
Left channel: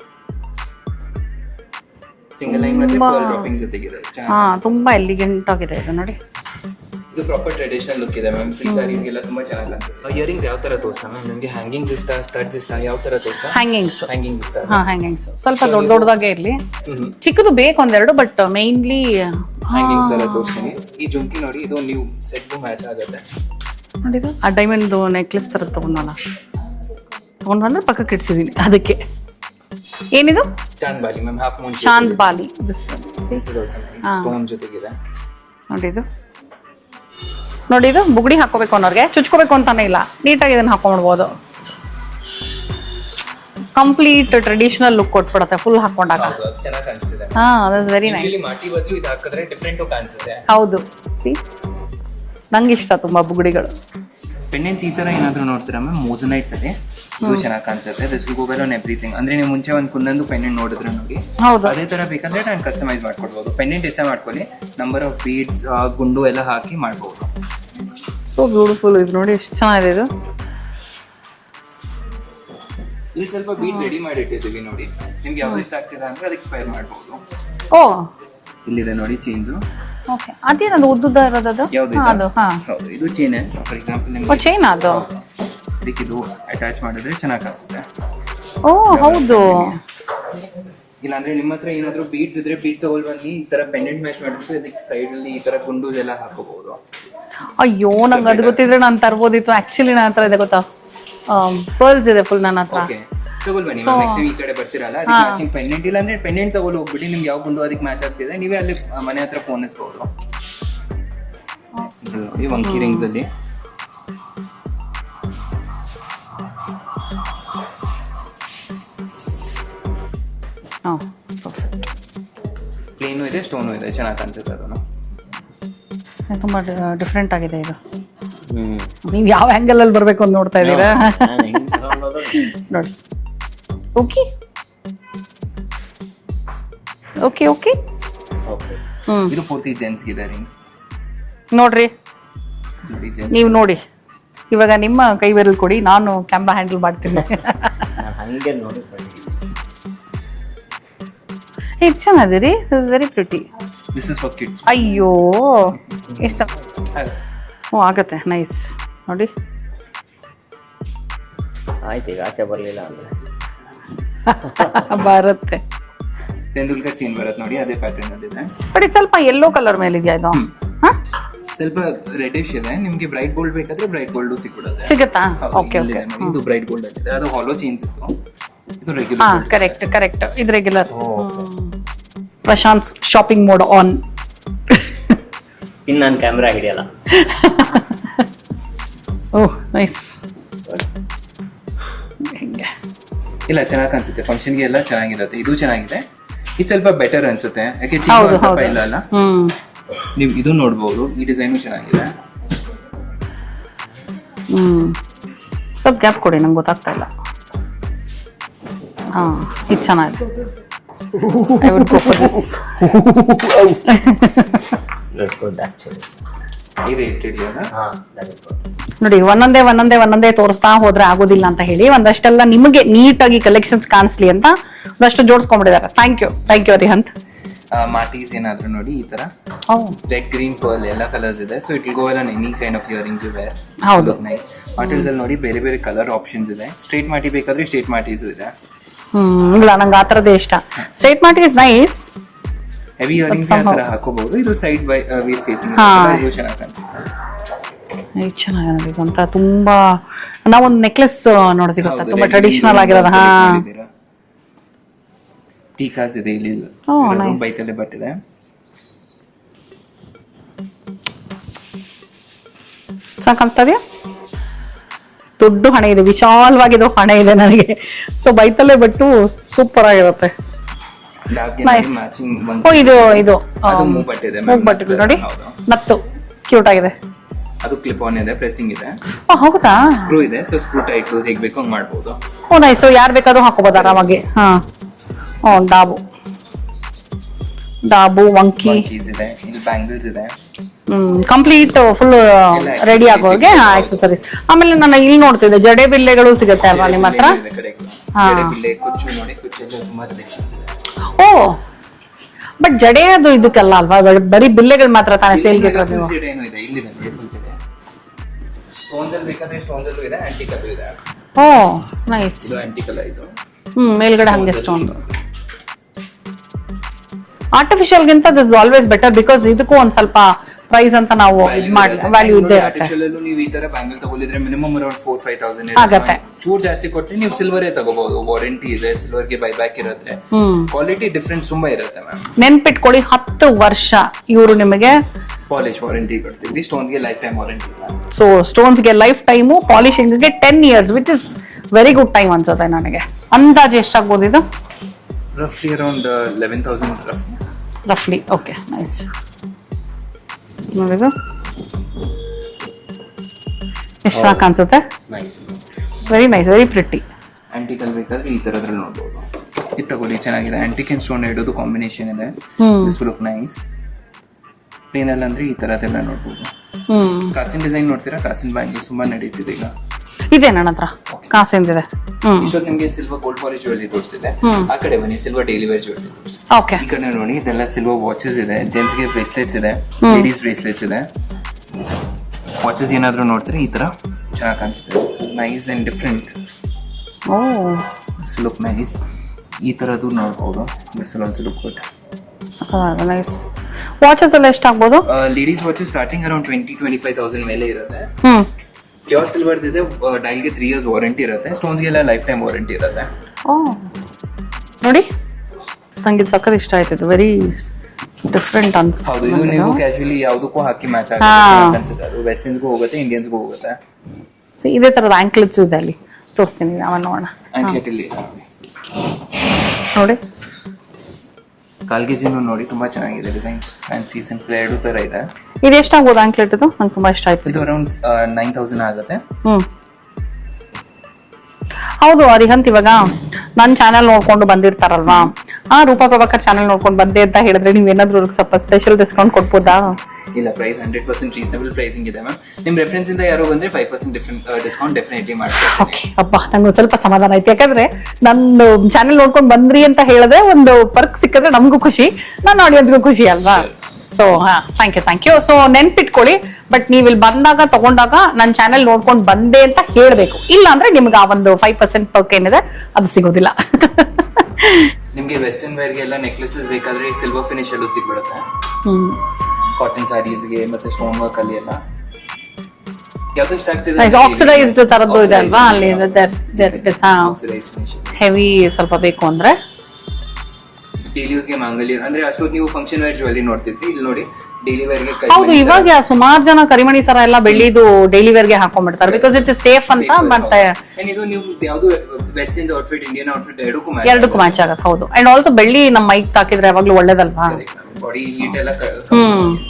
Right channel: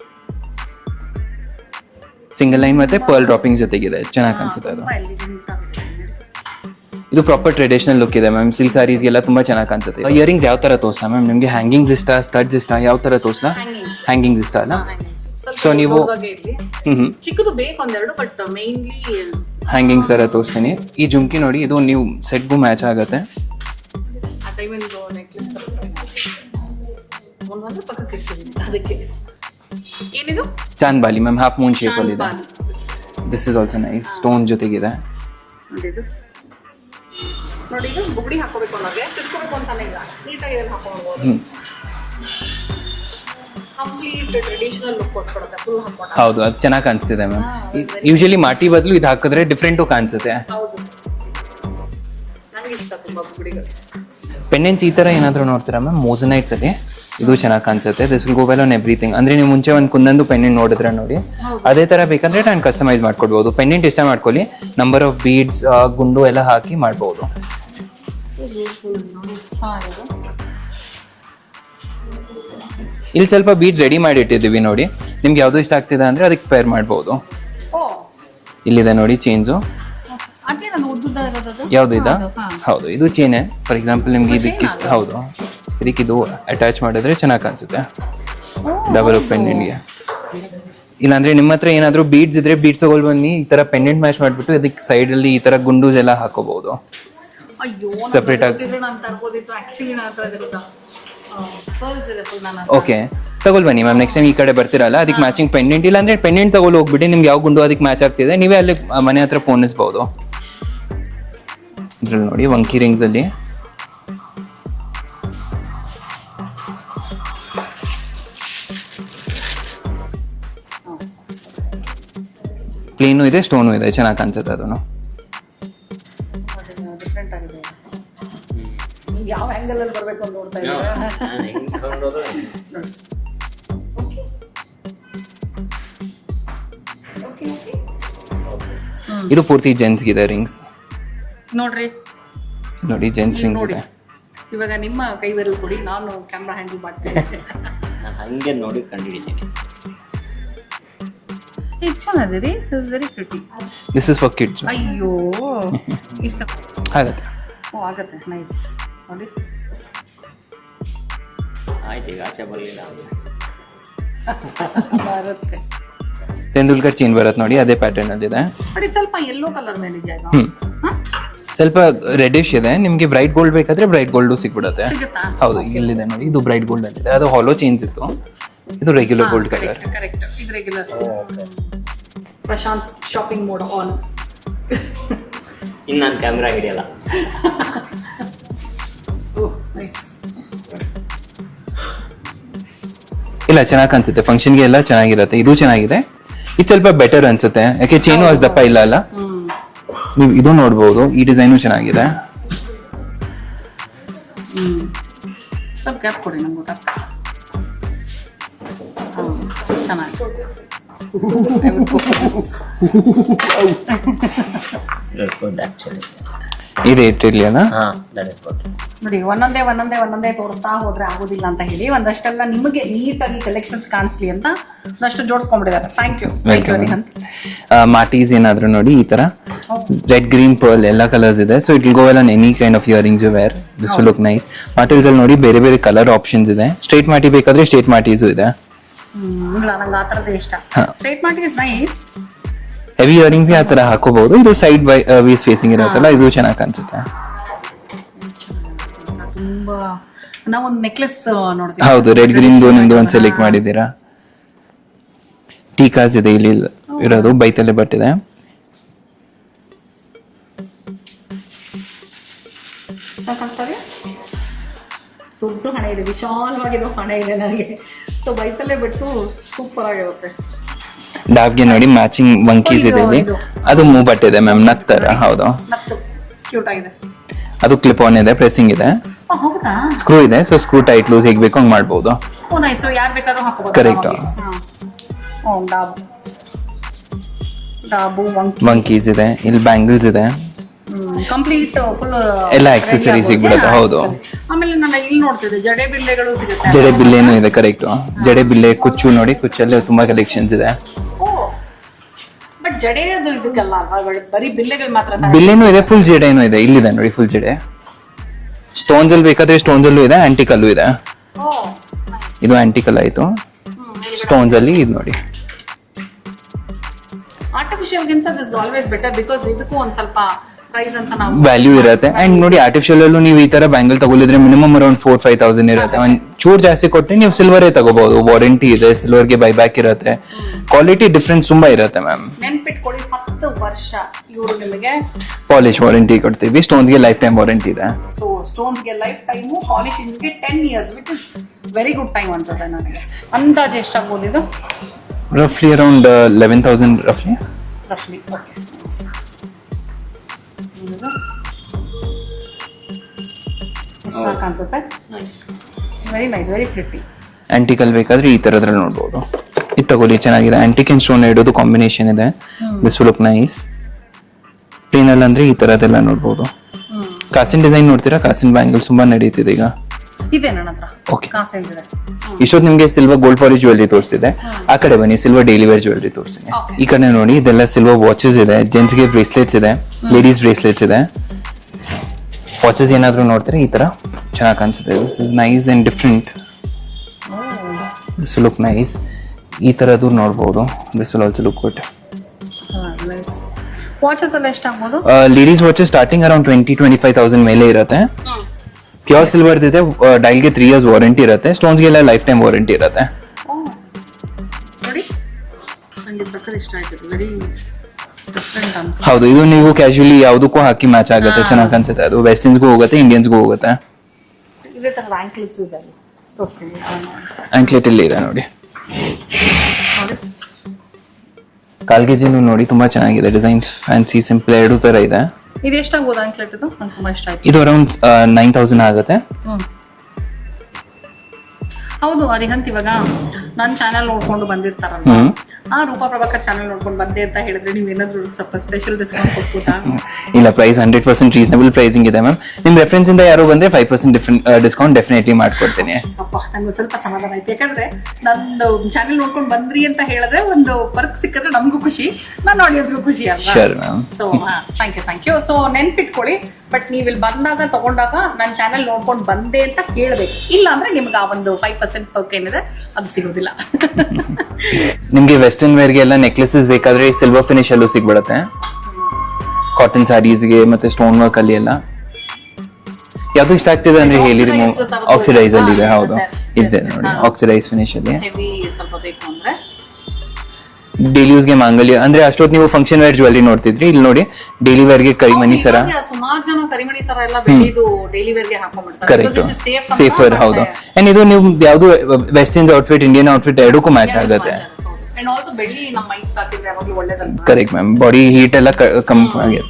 ಸಿಂಗಲ್ ಲೈನ್ ಮತ್ತೆ ಪರ್ಲ್ ಡ್ರಾಪಿಂಗ್ ಜೊತೆಗಿದೆ, ಚೆನ್ನಾಗಿ ಕಾಣಿಸುತ್ತೆ. ತುಂಬಾ ಎಲಿಗೆಂಟ್ ಆಗಿದೆ ಇದು ನೋಡಿ. ಇದು ಪ್ರಾಪರ್ ಟ್ರೆಡಿಷನಲ್ ಲುಕ್ ಇದೆ ಮ್ಯಾಮ್. ಸಿಲ್ಕ್ ಸಾರೀಸ್ ಗೆಲ್ಲ ತುಂಬಾ ಚೆನ್ನಾಗಿ ಕಾಣಿಸುತ್ತೆ. ಇಯರಿಂಗ್ಸ್ ಯಾವ ತರ ತೋರಿಸ್ತಾ ಮ್ಯಾಮ್ ನಿಮ್ಗೆ? ಹ್ಯಾಂಗಿಂಗ್ಸ್ ಇಷ್ಟ, ಸ್ಟಡ್ಸ್ ಇಷ್ಟ, ಯಾವ ತರ ತೋರಿಸ್ತಾ? ಹ್ಯಾಂಗಿಂಗ್ಸ್ ಇಷ್ಟ ಅಲ್ಲ? ಹ್ಯಾಂಗಿಂಗ್ಸ್ ಸ್ವಲ್ಪ ದೊಡ್ಡದಾಗೆ ಇರ್ಲಿ, ಚಿಕ್ಕದು ಬೇಕು ಒಂದೆರಡು, ಬಟ್ ಮೇನ್ಲಿ ಹ್ಯಾಂಗಿಂಗ್ಸ್ ತರ ತೋರಿಸ್ತೀನಿ. ಈ ಜುಮ್ಕಿ ನೋಡಿ, ಇದು ನೀವು ಸೆಟ್ಗೂ ಮ್ಯಾಚ್ ಆಗುತ್ತೆ. ನೋಡಿದ್ದು ಆ ಡೈಮಂಡ್ ನೆಕ್ಲೆಸ್ ತರ ತಗೊಂಡಲ್ಲ, ತಗೊಂಡ್ಬಂದ್ರೆ ಪಕ್ಕಕ್ಕೆ ಇಡ್ಸಿದೀನಿ. ಅದಕ್ಕೆ ಏನಿದು? Chand bali ma'am, half moon shape. Chand bali. This is also nice. Stone ಜೊತೆಗಿದೆ. ನೋಡಿದ್ದು ಬುಗುಡಿ ಹಾಕೋಬೇಕು ಅನ್ನೋರ್ಗೆ, ಚುಚ್ಕೋಬೇಕು ಅಂತಾನೆ ಇಲ್ಲ, ನೀಟಾಗಿ ಇದನ್ನ ಹಾಕೊಂಡ್ಬೋದು. ಕಂಪ್ಲೀಟ್ ಟ್ರೆಡಿಷನಲ್ ಲುಕ್ ಕೊಟ್ಬಿಡುತ್ತೆ ಫುಲ್ ಹಾಕೊಂಡಾಗ. ಹೌದು, ಅದು ಚೆನ್ನಾಗಿ ಕಾಣಿಸ್ತಿದೆ ಮ್ಯಾಮ್. ಯೂಶುವಲಿ ಮಾಟಿ ಬದಲು ಇದು ಹಾಕಿದ್ರೆ ಡಿಫ್ರೆಂಟ್ ಕಾಣಿಸುತ್ತೆ. ಹೌದು, ಸಿ ನಂಗೆ ಇಷ್ಟ ತುಂಬಾ ಬುಗುಡಿಗಳು. ಪೆಂಡೆಂಟ್ಸ್ ಈ ತರ ಏನಾದ್ರು ನೋಡ್ತೀರಾ ಮ್ಯಾಮ್? ಮೋಸನೈಟ್ಸ್ ಅಲ್ಲಿ ಇದು ಚೆನ್ನಾಗಿ ಕಾಣಿಸುತ್ತೆ. This will go well on everything. ಅಂದ್ರೆ ನೀವು ಮುಂಚೆ ಒಂದು ಕುಂದಂದು ಪೆಂಡೆಂಟ್ ನೋಡಿದ್ರೆ ನೋಡಿ, ಹೌದು. ಅದೇ ತರ ಬೇಕಂದ್ರೆ ನಾನು ಕಸ್ಟಮೈಸ್ ಮಾಡ್ಕೊಡ್ಬೋದು. ಪೆಂಡೆಂಟ್ ಇಷ್ಟ ಮಾಡ್ಕೊಳ್ಳಿ, ನಂಬರ್ ಆಫ್ ಬೀಡ್ಸ್ ಗುಂಡು ಎಲ್ಲ ಹಾಕಿ ಮಾಡ್ಬೋದು. ಸೊ ಬ್ಯೂಟಿಫುಲ್ ಇದು ನೋಡಿ, ಎಷ್ಟು ಚೆನ್ನಾಗಿದೆ ಇದು. ಇಲ್ಲಿ ಸ್ವಲ್ಪ ಬೀಡ್ಸ್ ರೆಡಿ ಮಾಡಿ ಇಟ್ಟಿದ್ದೀವಿ ನೋಡಿ, ನಿಮ್ಗೆ ಯಾವ್ದು ಇಷ್ಟ ಆಗ್ತಿದೆ ಅಂದ್ರೆ ಅದಕ್ಕೆ ಪೇರ್ ಮಾಡ್ಬೋದು. ಓ ಇಲ್ಲಿದೆ ನೋಡಿ ಚೇಂಜು. ಓಕೆ, ಅದೇನದು ಉದ್ದುದ ಇರೋದು? ಯಾವ್ದು ಇದೆ? ಹಾ. ಹೌದು, ಇದು ಚೇನೆ. ಫಾರ್ ಎಕ್ಸಾಂಪಲ್ ನಿಮ್ಗೆ chain ಅದು? ಹೌದು, ಇದಕ್ಕೆ ಇದು ಅಟ್ಯಾಚ್ ಮಾಡಿದ್ರೆ ಚೆನ್ನಾಗಿ ಕಾಣಿಸುತ್ತೆ. ಓ ಡಬಲ್ ಹೌದು. ಪೆಂಡೆಂಟ್ಗೆ. ಇಲ್ಲಾಂದ್ರೆ ನಿಮ್ಮ ಹತ್ರ ಏನಾದ್ರು ಬೀಡ್ಸ್ ಇದ್ರೆ ಬೀಡ್ಸ್ ತಗೊಳ್ ಬನ್ನಿ, ಈ ತರ ಪೆಂಡೆಂಟ್ ಮ್ಯಾಚ್ ಮಾಡ್ಬಿಟ್ಟು ಇದಕ್ಕೆ ಸೈಡ್ ಅಲ್ಲಿ ಈ ತರ ಗುಂಡೂಸ್ ಎಲ್ಲ ಹಾಕೋಬಹುದು. ಅಯ್ಯೋ ನಂಗೆ ಅದು ಗೊತ್ತಿದ್ರೆ ನಾನು ತರ್ಬೋದಿತ್ತು. ಆಕ್ಚುಲಿ ನನ್ನ ಹತ್ರ ಇದೆ ಗೊತ್ತಾ, ಪರ್ಲ್ಸ್ ಇದೆ ಫುಲ್ ನನ್ನ ಹತ್ರ. ಓಕೆ, ತಗೊಳ್ ಬನ್ನಿ ಮ್ಯಾಮ್. ನೆಕ್ಸ್ಟ್ ಟೈಮ್ ಈ ಕಡೆ ಬರ್ತಿರಲ್ಲ ಅದಕ್ಕೆ ಮ್ಯಾಚಿಂಗ್ ಪೆಂಡೆಂಟ್, ಇಲ್ಲ ಅಂದ್ರೆ ಪೆಂಡೆಂಟ್ ತಗೊಳ್ ಹೋಗ್ಬಿಟ್ಟು ನಿಮ್ಗೆ ಯಾವ ಗುಂಡು ಅದಕ್ಕೆ ಮ್ಯಾಚ್ ಆಗ್ತಿದೆ ನೀವೇ ಅಲ್ಲಿ ಮನೆ ಹತ್ರ ಪೋಣಿಸಬಹುದು. ಇದ್ರಲ್ಲಿ ನೋಡಿ ವಂಕಿ ರಿಂಗ್ಸ್ ಅಲ್ಲಿ ಪ್ಲೇನು ಇದೆ, ಸ್ಟೋನು ಇದೆ, ಚೆನ್ನಾಗಿ ಕಾಣಿಸುತ್ತೆ. ಅದನ್ನು ತುಂಬಾ ಡಿಫ್ರೆಂಟ್ ಆಗಿದೆ ಇದು. ನೀವು ಯಾವ ಆಂಗಲ್ ಅಲ್ಲಿ ಬರ್ಬೇಕು ಅಂತ ನೋಡ್ತಾ ಇದ್ದೀರಾ? ನೋಡಿ. Okay okay okay. ಇದು ಪೂರ್ತಿ ಜೆಂಟ್ಸ್ ಗಿದೆ ರಿಂಗ್ಸ್ ನೋಡ್ರಿ, ನೋಡಿ ಜೆಂಟ್ಸ್. ನೀವು ನೋಡಿ ಇವಾಗ ನಿಮ್ಮ ಕೈ ಬೆರಳು ಕೊಡಿ, ನಾನು ಕ್ಯಾಮ್ರಾ ಹ್ಯಾಂಡಲ್ ಮಾಡ್ತೀನಿ. ಹಂಗೆ ನೋಡಿ ಕಂಡಿದ್ದೀನಿ. ಎಷ್ಟು ಚೆನ್ನಾಗಿದೆ, is very pretty. This is for kids. ಅಯ್ಯೋ ಎಷ್ಟು ಆಗುತ್ತೆ. ಓ ಆಗತ್ತೆ, ನೈಸ್. ನೋಡಿ ಆಯ್ತು, ಈಗ ಆಚೆ ಬರಲಿಲ್ಲ ಅಂದ್ರೆ ಬರುತ್ತೆ. ತೆಂಡೂಲ್ಕರ್ ಚೇನ್ ಬರುತ್ತೆ ನೋಡಿ, ಅದೇ ಪ್ಯಾಟರ್ನ್ ಅಲ್ಲಿ ಇದೆ. ಬಟ್ ಇದು ಸ್ವಲ್ಪ ಯೆಲ್ಲೋ ಕಲರ್ ಮೇಲೆ ಇದೆಯಾ ಇದು? ಸ್ವಲ್ಪ ರೆಡಿಶ್ ಇದೆ. ನಿಮ್ಗೆ ಬ್ರೈಟ್ ಗೋಲ್ಡ್ ಬೇಕಾದ್ರೆ ಬ್ರೈಟ್ ಗೋಲ್ಡ್ ಸಿಗ್ಬಿಡುತ್ತೆ. ಸಿಗುತ್ತಾ? ಹೌದು, ಓಕೆ ಇಲ್ಲಿದೆ ನೋಡಿ, ಇದು ಬ್ರೈಟ್ ಗೋಲ್ಡ್ ಅಂತಿದೆ. ಅದು ಹಾಲೋ ಚೇನ್ಸ್ ಇತ್ತು, ಇದು ರೆಗ್ಯುಲರ್ ಗೋಲ್ಡ್. ಕರೆಕ್ಟ್ ಕರೆಕ್ಟ್, ಇದು regular. Prashanth shopping mode on. ಇನ್ನು ನನ್ನ ಕ್ಯಾಮ್ರಾ ಹಿಡಿಯಲ್ಲ. ಓಹ್ ನೈಸ್. ಇಲ್ಲ, ಚೆನ್ನಾಗಿ ಅನ್ಸುತ್ತೆ. ಫಂಕ್ಷನ್ಗೆ ಎಲ್ಲ ಚೆನ್ನಾಗಿರುತ್ತೆ. ಇದು ಚೆನ್ನಾಗಿದೆ. ಇದು ಸ್ವಲ್ಪ ಬೆಟರ್ ಅನ್ಸುತ್ತೆ, ಯಾಕೆ ಚೇನ್ ದಪ್ಪ ಇಲ್ಲ ಅಲ್ಲ. ನೀವು ಇದು ನೋಡ್ಬೋದು, ಈ ಡಿಸೈನು ಚೆನ್ನಾಗಿದೆ. ಸ್ವಲ್ಪ ಗ್ಯಾಪ್ ಕೊಡಿ, ನಂಗೆ ಗೊತ್ತಾಗ್ತಾ ಇಲ್ಲ. ಹಾ, ಇದು ಚೆನ್ನಾಗಿದೆ. I would go for this. That's good actually. ಇದು ಇಟ್ಟಿರ್ಲಿಯಾ? ಹಾ, that is good. ನೋಡಿ, ಒಂದೊಂದೇ ತೋರಿಸ್ತಾ ಹೋದ್ರೆ ಆಗೋದಿಲ್ಲ ಅಂತ ಹೇಳಿ ಒಂದಷ್ಟೆಲ್ಲ ನಿಮಗೆ ನೀಟಾಗಿ ಕಲೆಕ್ಷನ್ಸ್ ಕಾಣಿಸ್ಲಿ ಅಂತ ಒಂದಷ್ಟು ಜೋಡಿಸ್ಕೊಂಡ್ಬಿಟ್ಟಿದ್ದಾರೆ. Thank you ರಿಹಂತ್. ಮಾಟೀಸ್ ಏನಾದ್ರು ನೋಡಿ, ಈ ತರ ರೆಡ್, ಗ್ರೀನ್, ಪರ್ಲ್ ಎಲ್ಲ ಕಲರ್ಸ್ ಇದೆ. So it will go well on any kind of earrings you wear. This will look nice. ಮಾಟೀಸ್ ಅಲ್ಲಿ ನೋಡಿ ಬೇರೆ ಬೇರೆ ಕಲರ್ ಆಪ್ಷನ್ಸ್ ಇದೆ. ಸ್ಟ್ರೇಟ್ ಮಾಟಿ ಬೇಕಾದ್ರೆ ಸ್ಟ್ರೇಟ್ ಮಾಟೀಸು ಇದೆ. ಇಲ್ಲ, ನಂಗೆ ಆ ಥರದೇ ಇಷ್ಟ. ಸ್ಟ್ರೇಟ್ ಮಾಟಿ ಇಸ್ ನೈಸ್. ಹೆವಿ ಇಯರಿಂಗ್ಸ್ ಆ ತರ ಹಾಕೋಬಹುದು. ಇದು ಸೈಡ್ ವೇಸ್ ಫೇಸಿಂಗ್ ಇರುತ್ತಲ್ಲ, ಇದು ಚೆನ್ನಾಗಿ ಕಾಣಿಸುತ್ತೆ. ಚೆನ್ನಾಗಿದೆ ಅಂತ. ತುಂಬಾ ನಾವೊಂದು ನೆಕ್ಲೆಸ್ ನೋಡ್ತೀವಿ. ಹೌದು, ರೆಡ್ ಗ್ರೀನ್ ಸೆಲೆಕ್ಟ್ ಮಾಡಿದ್ದೀರಾ. ಟೀಕಾಸ್ ಇದೆ ಇಲ್ಲಿ ಇರೋದು, ಬೈತಲೆ ಬಟ್ಟಿದೆ. ಸಾಕಾಗ್ತದೆಯಾ? ದೊಡ್ಡ ಹಣೆ ಇದೆ, ವಿಶಾಲವಾಗಿರೋ ಹಣೆ ಇದೆ ನನಗೆ. ಸೊ ಬೈತಲೆ ಬಟ್ಟು ಸೂಪರ್ ಆಗಿರುತ್ತೆ. ಡಾಬ್ಗೆ ನೋಡಿ ಮ್ಯಾಚಿಂಗ್ ಮಂಕೀಸ್ ಇದು ಇದೆ. ಇದು ಅದು ಮೂವ್ ಬಟ್ಟಿದೆ ಮ್ಯಾಮ್, ನತ್ತರ. ಹೌದು, ನತ್ತು ಕ್ಯೂಟ್ ಆಗಿದೆ. ಅದು ಕ್ಲಿಪ್ ಆನ್ ಇದೆ, ಪ್ರೆಸ್ಸಿಂಗ್ ಇದೆ. ಓ ಹೌದಾ? ಸ್ಕ್ರೂ ಇದೆ. ಸೊ ಸ್ಕ್ರೂ ಟೈಟ್ ಲೂಸ್ ಹೇಗೆ ಬೇಕು ಹಂಗೆ ಮಾಡ್ಬೋದು. ಓ ನೈಸ್. ಸೊ ಯಾರು ಬೇಕಾದ್ರೂ ಹಾಕೋಬಹುದು ಆರಾಮಾಗಿ. ಹಾ, ಓ ಡಾಬು ಮಂಕೀಸ್ ಇದೆ. ಇಲ್ಲಿ ಬ್ಯಾಂಗಲ್ಸ್ ಇದೆ. ಕಂಪ್ಲೀಟ್ ಫುಲ್ ಎಲ್ಲ ರೆಡಿ accessories ಆಗೋಗೆ. ಸಿಗುತ್ತೆ, ಹೌದು. ಆಮೇಲೆ ನಾನು ಇಲ್ಲಿ ನೋಡ್ತಿದ್ದೆ ಜಡೆ ಬಿಲ್ಲೆಗಳು ಸಿಗುತ್ತೆ ಅಲ್ವಾ ಜಡೆ ನಿಮ್ಮ ಬಿಲ್ಲೆ ಹತ್ರ? ಇದೆ, ಕರೆಕ್ಟ್. ಜಡೆ ಬಿಲ್ಲೆ, ಕುಚ್ಚು ನೋಡಿ, ಕುಚ್ಚಲ್ಲಿ ತುಂಬಾ ಕಲೆಕ್ಷನ್ಸ್ ಇದೆ. ಓ ಬಟ್ ಜಡೆ ಅದು ಇದಕ್ಕಲ್ಲ ಅಲ್ವಾ, ಬರೀ ಬಿಲ್ಲೆಗಳು ಮಾತ್ರ ತಾನೇ ಬಿಲ್ಲೆನೂ sale ಇದೆ, ಇರೋದು? ಫುಲ್ ಜಡೆನೂ ಇದೆ. ಇಲ್ಲಿದೆ ನೋಡಿ ಫುಲ್ ಜಡೆ. ಸ್ಟೋನ್ಸ್ ಅಲ್ಲಿ ಬೇಕಾದ್ರೆ ಸ್ಟೋನ್ಸ್ ಅಲ್ಲೂ ಇದೆ, ಆಂಟಿಕಲ್ಲೂ ಇದೆ. ಓ ನೈಸ್. ಇದು ಆಂಟಿಕಲ್ ಆಯ್ತು. ಮೇಲ್ಗಡೆ ಸ್ಟೋನ್ಸ್ ಅಲ್ಲಿ ಇದು ನೋಡಿ. ಆರ್ಟಿಫಿಷಿಯಲ್ ಗಿಂತ ದಿಸ್ ಆಲ್ವೇಸ್ ಬೆಟರ್ ಬಿಕಾಸ್ ಇದಕ್ಕೂ ಒಂದ್ ಸ್ವಲ್ಪ ಪ್ರೈಸ್ ಅಂತ ನಾವು ವ್ಯಾಲ್ಯೂ ಇರುತ್ತೆ. ಅಂಡ್ ನೋಡಿ, ಆರ್ಟಿಫಿಷಿಯಲ್ ಅಲ್ಲೂ ನೀವು ಈ ತರ ಬ್ಯಾಂಗಲ್ ತಗೊಳಿದ್ರೆ ಮಿನಿಮಮ್ ಅರೌಂಡ್ 4,000-5,000 ಇರುತ್ತೆ. ಆಗತ್ತೆ. ಚೂರ್ ಜಾಸ್ತಿ ಕೊಟ್ಟರೆ ನೀವು ಸಿಲ್ವರೇ ತಗೋಬಹುದು. ವಾರಂಟಿ ಇದೆ, ಸಿಲ್ವರ್ಗೆ ಬೈಬ್ಯಾಕ್ ಇರುತ್ತೆ. ಕ್ವಾಲಿಟಿ ಡಿಫ್ರೆನ್ಸ್ ತುಂಬಾ ಇರುತ್ತೆ ಮ್ಯಾಮ್. ನೆನ್ಪಿಟ್ಕೊಳ್ಳಿ, 10 ವರ್ಷ ಇವರು ನಿಮಗೆ ಪಾಲಿಶ್ ವಾರಂಟಿ ಕೊಡ್ತೀವಿ. ಸ್ಟೋನ್ಸ್ ಗೆ ಲೈಫ್ ಟೈಮ್ ವಾರಂಟಿ ಇದೆ. ಸೊ ಸ್ಟೋನ್ಸ್ ಗೆ ಲೈಫ್ ಟೈಮು, ಪಾಲಿಶಿಂಗ್ ಗೆ 10 years, which is very good time ಅನ್ಸುತ್ತೆ ನನಗೆ. ಅಂದಾಜು ಎಷ್ಟಾಗ್ಬೋದು ಇದು? ರಫ್ಲಿ ಅರೌಂಡ್ 11,000 ರಫ್ಲಿ. Okay nice. ನೋಡಿದು ಎಷ್ಟು ಚೆನ್ನಾಗಿ ಕಾಣಿಸುತ್ತೆ. Nice. Very nice, very pretty. Antique ಅಲ್ಲಿ ಬೇಕಾದ್ರೆ ಈ ತರದ್ರಲ್ಲಿ ನೋಡ್ಬೋದು. ಇದು ತಗೊಳ್ಳಿ, ಚೆನ್ನಾಗಿದೆ. ಆಂಟಿಕ್ ಅಂಡ್ ಸ್ಟೋನ್ ಇಡೋದು ಕಾಂಬಿನೇಷನ್ ಇದೆ. This will look nice. Plain ಅಲ್ಲಿ ಅಂದ್ರೆ ಈ ತರದೆಲ್ಲ ನೋಡ್ಬೋದು. ಕಾಸಿನ್ ಡಿಸೈನ್ ನೋಡ್ತೀರಾ? ಕಾಸಿನ್ ಬ್ಯಾಂಗಲ್ ತುಂಬಾ ನಡೀತಿದೆ ಈಗ. ಇದೆ ನನ್ನ ಹತ್ರ Okay. ಕಾಸಿಂದಿದೆ. ಇಷ್ಟೊತ್ತು ನಿಮ್ಗೆ ಸಿಲ್ವರ್ ಗೋಲ್ಡ್ ಪಾಲಿಶ್ ಜ್ಯುವೆಲ್ಲರಿ ತೋರಿಸ್ತಿದೆ. ಆ ಕಡೆ ಬನ್ನಿ, ಸಿಲ್ವರ್ ಡೈಲಿ ವೇರ್ ಜ್ಯುವೆಲ್ಲರಿ ತೋರಿಸ್ತೀನಿ. Okay. ಈ ಕಡೆ ನೋಡಿ, ಇದೆಲ್ಲ ಸಿಲ್ವರ್ ವಾಚಸ್ ಇದೆ, ಜೆಂಟ್ಸ್ ಗೆ ಬ್ರೇಸ್ಲೆಟ್ಸ್ ಇದೆ, ಲೇಡೀಸ್ ಬ್ರೇಸ್ಲೆಟ್ಸ್ ಇದೆ. ವಾಚಸ್ ಏನಾದ್ರು ನೋಡ್ತಾರೆ ಈ ತರ ಚೆನ್ನಾಗಿ ಕಾಣಿಸುತ್ತೆ. This is nice and different. This will look nice. ಈ ತರದ್ದು ನೋಡ್ಬೋದು. This will also look good. Nice. Watches ಎಲ್ಲ ಎಷ್ಟಾಗ್ಬೋದು? ಲೇಡೀಸ್ ವಾಚಸ್ ಸ್ಟಾರ್ಟಿಂಗ್ ಅರೌಂಡ್ 20-25,000 ಮೇಲೆ ಇರುತ್ತೆ. ಪ್ಯೂರ್ ಸಿಲ್ವರ್ ಇದೆ. ಡೈಲ್ ಗೆ 3 years ವಾರಂಟಿ ಇರುತ್ತೆ. ಸ್ಟೋನ್ಸ್ ಗೆಲ್ಲ ಲೈಫ್ ಟೈಮ್ ವಾರಂಟಿ ಇರುತ್ತೆ. ನೋಡಿ, ನಂಗೆ ಸಕ್ಕತ್ ಇಷ್ಟ ಆಯ್ತು. ವೆರಿ ಡಿಫ್ರೆಂಟ್ ಅಂತ. ಹೌದು, ಇದು ನೀವು ಕ್ಯಾಶುಯಲಿ ಯಾವುದಕ್ಕೂ ಹಾಕಿ ಮ್ಯಾಚ್ ಆಗುತ್ತೆ, ಚೆನ್ನಾಗಿ ಅನ್ಸುತ್ತೆ. ಅದು ವೆಸ್ಟರ್ನ್ಸ್ಗೂ ಹೋಗುತ್ತೆ, ಇಂಡಿಯನ್ಸ್ಗೂ ಹೋಗುತ್ತೆ. ಇದೇ ತರದ ಆಂಕ್ಲೆಟ್ಸ್ ಇದೆ ಅಲ್ಲಿ, ತೋರಿಸ್ತೀನಿ. ಅವನ್ನ ನೋಡೋಣ. ಆಂಕ್ಲೆಟ್ ಇಲ್ಲಿ ಇದೆ ನೋಡಿ. ನೋಡಿ, ಕಾಲ್ಗೆಜಿನೂ ನೋಡಿ ತುಂಬಾ ಚೆನ್ನಾಗಿದೆ. ಡಿಸೈನ್ಸ್ ಫ್ಯಾನ್ಸಿ ಸಿಂಪಲ್ ಎರಡು ತರ ಇದೆ. ಇದು ಎಷ್ಟಾಗ್ಬೋದು ಆಂಕ್ಲೆಟ್? ಇದು ನಂಗೆ ತುಂಬಾ ಇಷ್ಟ ಆಯ್ತು. ಇದು ಅರೌಂಡ್ 9,000 ಆಗುತ್ತೆ. ಹೌದು ಅರಿಹಂತ್, ಇವಾಗ ನನ್ನ ಚಾನೆಲ್ ನೋಡ್ಕೊಂಡು ಬಂದಿರ್ತಾರಲ್ವಾ, ರೂಪಾ ಪ್ರಭಾಕರ್ ಚಾನೆಲ್ ನೋಡ್ಕೊಂಡು ಬಂದೆ ಅಂತ ಹೇಳಿದ್ರೆ ನೀವೇನಾದ್ರೂ ಸ್ವಲ್ಪ ಸ್ಪೆಷಲ್ ಡಿಸ್ಕೌಂಟ್ ಕೊಡ್ಬೋದಾ? ಇಲ್ಲ, ಪ್ರೈಸ್ 100% ರೀಸನಬಲ್ ಪ್ರೈಸಿಂಗ್ ಇದೆ ಮ್ಯಾಮ್. ನಿಮ್ ರೆಫರೆನ್ಸ್ ಇಂದ ಯಾರು ಬಂದ್ರೆ 5% ಡಿಸ್ಕೌಂಟ್ ಡೆಫಿನೆಟ್ಲಿ ಮಾಡ್ಕೊಡ್ತೀನಿ. ಅಪ್ಪ, ನಂಗೆ ಸ್ವಲ್ಪ ಸಮಾಧಾನ ಆಯ್ತು. ಯಾಕಂದ್ರೆ ನನ್ನ ಚಾನೆಲ್ ನೋಡ್ಕೊಂಡು ಬಂದ್ರಿ ಅಂತ ಹೇಳಿದ್ರೆ ಒಂದು ಪರ್ಕ್ ಸಿಕ್ಕಿದ್ರೆ ನಮಗೂ ಖುಷಿ, ನನ್ನ ಆಡಿಯನ್ಸ್ಗೂ ಖುಷಿ ಅಲ್ವಾ? So thank you. ಸೊ ನೆನ್ಪಿಟ್ಕೊಳ್ಳಿ, ಬಟ್ ನೀವು ಇಲ್ಲಿ ಬಂದಾಗ ತಗೊಂಡಾಗ ನನ್ನ ಚಾನೆಲ್ ನೋಡ್ಕೊಂಡು ಬಂದೆ ಅಂತ ಹೇಳ್ಬೇಕು. ಇಲ್ಲ ಅಂದ್ರೆ ನಿಮ್ಗೆ ಆ ಒಂದು 5% ಪರ್ಕ್ ಏನಿದೆ ಅದು ಸಿಗೋದಿಲ್ಲ. ನಿಮ್ಗೆ ವೆಸ್ಟರ್ನ್ ವೇರ್ ಗೆ ಎಲ್ಲ ನೆಕ್ಲೆಸಸ್ ಬೇಕಾದ್ರೆ ಸಿಲ್ವರ್ ಫಿನಿಶ್ ಅಲ್ಲೂ ಸಿಗ್ಬಿಡುತ್ತೆ. ಕಾಟನ್ ಸ್ಯಾರೀಸ್ ಗೆ ಮತ್ತೆ ಸ್ಟೋನ್ ವರ್ಕ್ ಅಲ್ಲಿ ಎಲ್ಲ ಯಾವ್ದು ಇಷ್ಟ ಆಗ್ತಿದೆ ಅಂದ್ರೆ ಆಕ್ಸಿಡೈಸ್ ಫಿನಿಶ್ ಅಲ್ಲಿ ಹೆವಿ ಸ್ವಲ್ಪ ಬೇಕು ಅಂದ್ರೆ ಡೈಲಿ ಯೂಸ್ ಗೆ ಮಾಂಗಲ್ಯ ಅಂದ್ರೆ ಅಷ್ಟೊತ್ತು ನೀವು ಫಂಕ್ಷನ್ ವೇರ್ ಜ್ಯುವೆಲ್ಲರಿ ನೋಡ್ತಿದ್ರಿ. ಇಲ್ಲಿ ನೋಡಿ, ಡೈಲಿ ವೇರ್ ಗೆ ಕರಿಮಣಿ ಸರ. ಇವಾಗ ಸುಮಾರು ಜನ ಕರಿಮಣಿ ಸರ ಎಲ್ಲ ಬೆಳ್ಳಿದು ಡೈಲಿ ವೇರ್ ಗೆ ಹಾಕೊಂಡ್ಬಿಡ್ತಾರೆ. ಬಿಕಾಸ್ ಇಟ್ ಇಸ್ ಸೇಫ್ ಅಂತ. ಅಂಡ್ ಇದು ನೀವು ಯಾವ್ದು ವೆಸ್ಟರ್ನ್ ಔಟ್ಫಿಟ್, ಇಂಡಿಯನ್ ಔಟ್ಫಿಟ್ ಎರಡಕ್ಕೂ ಮ್ಯಾಚ್ ಆಗುತ್ತೆ. ಹೌದು. ಅಂಡ್ ಆಲ್ಸೋ ಬೆಳ್ಳಿ ನಮ್ಮ ಮೈಕ್ ಹಾಕಿದ್ರೆ ಯಾವಾಗ್ಲೂ ಒಳ್ಳೇದಲ್ವಾ? Correct ma'am. ಬಾಡಿ ಹೀಟ್ ಎಲ್ಲ ಕಮ್ಮಿ ಆಗಿದೆ.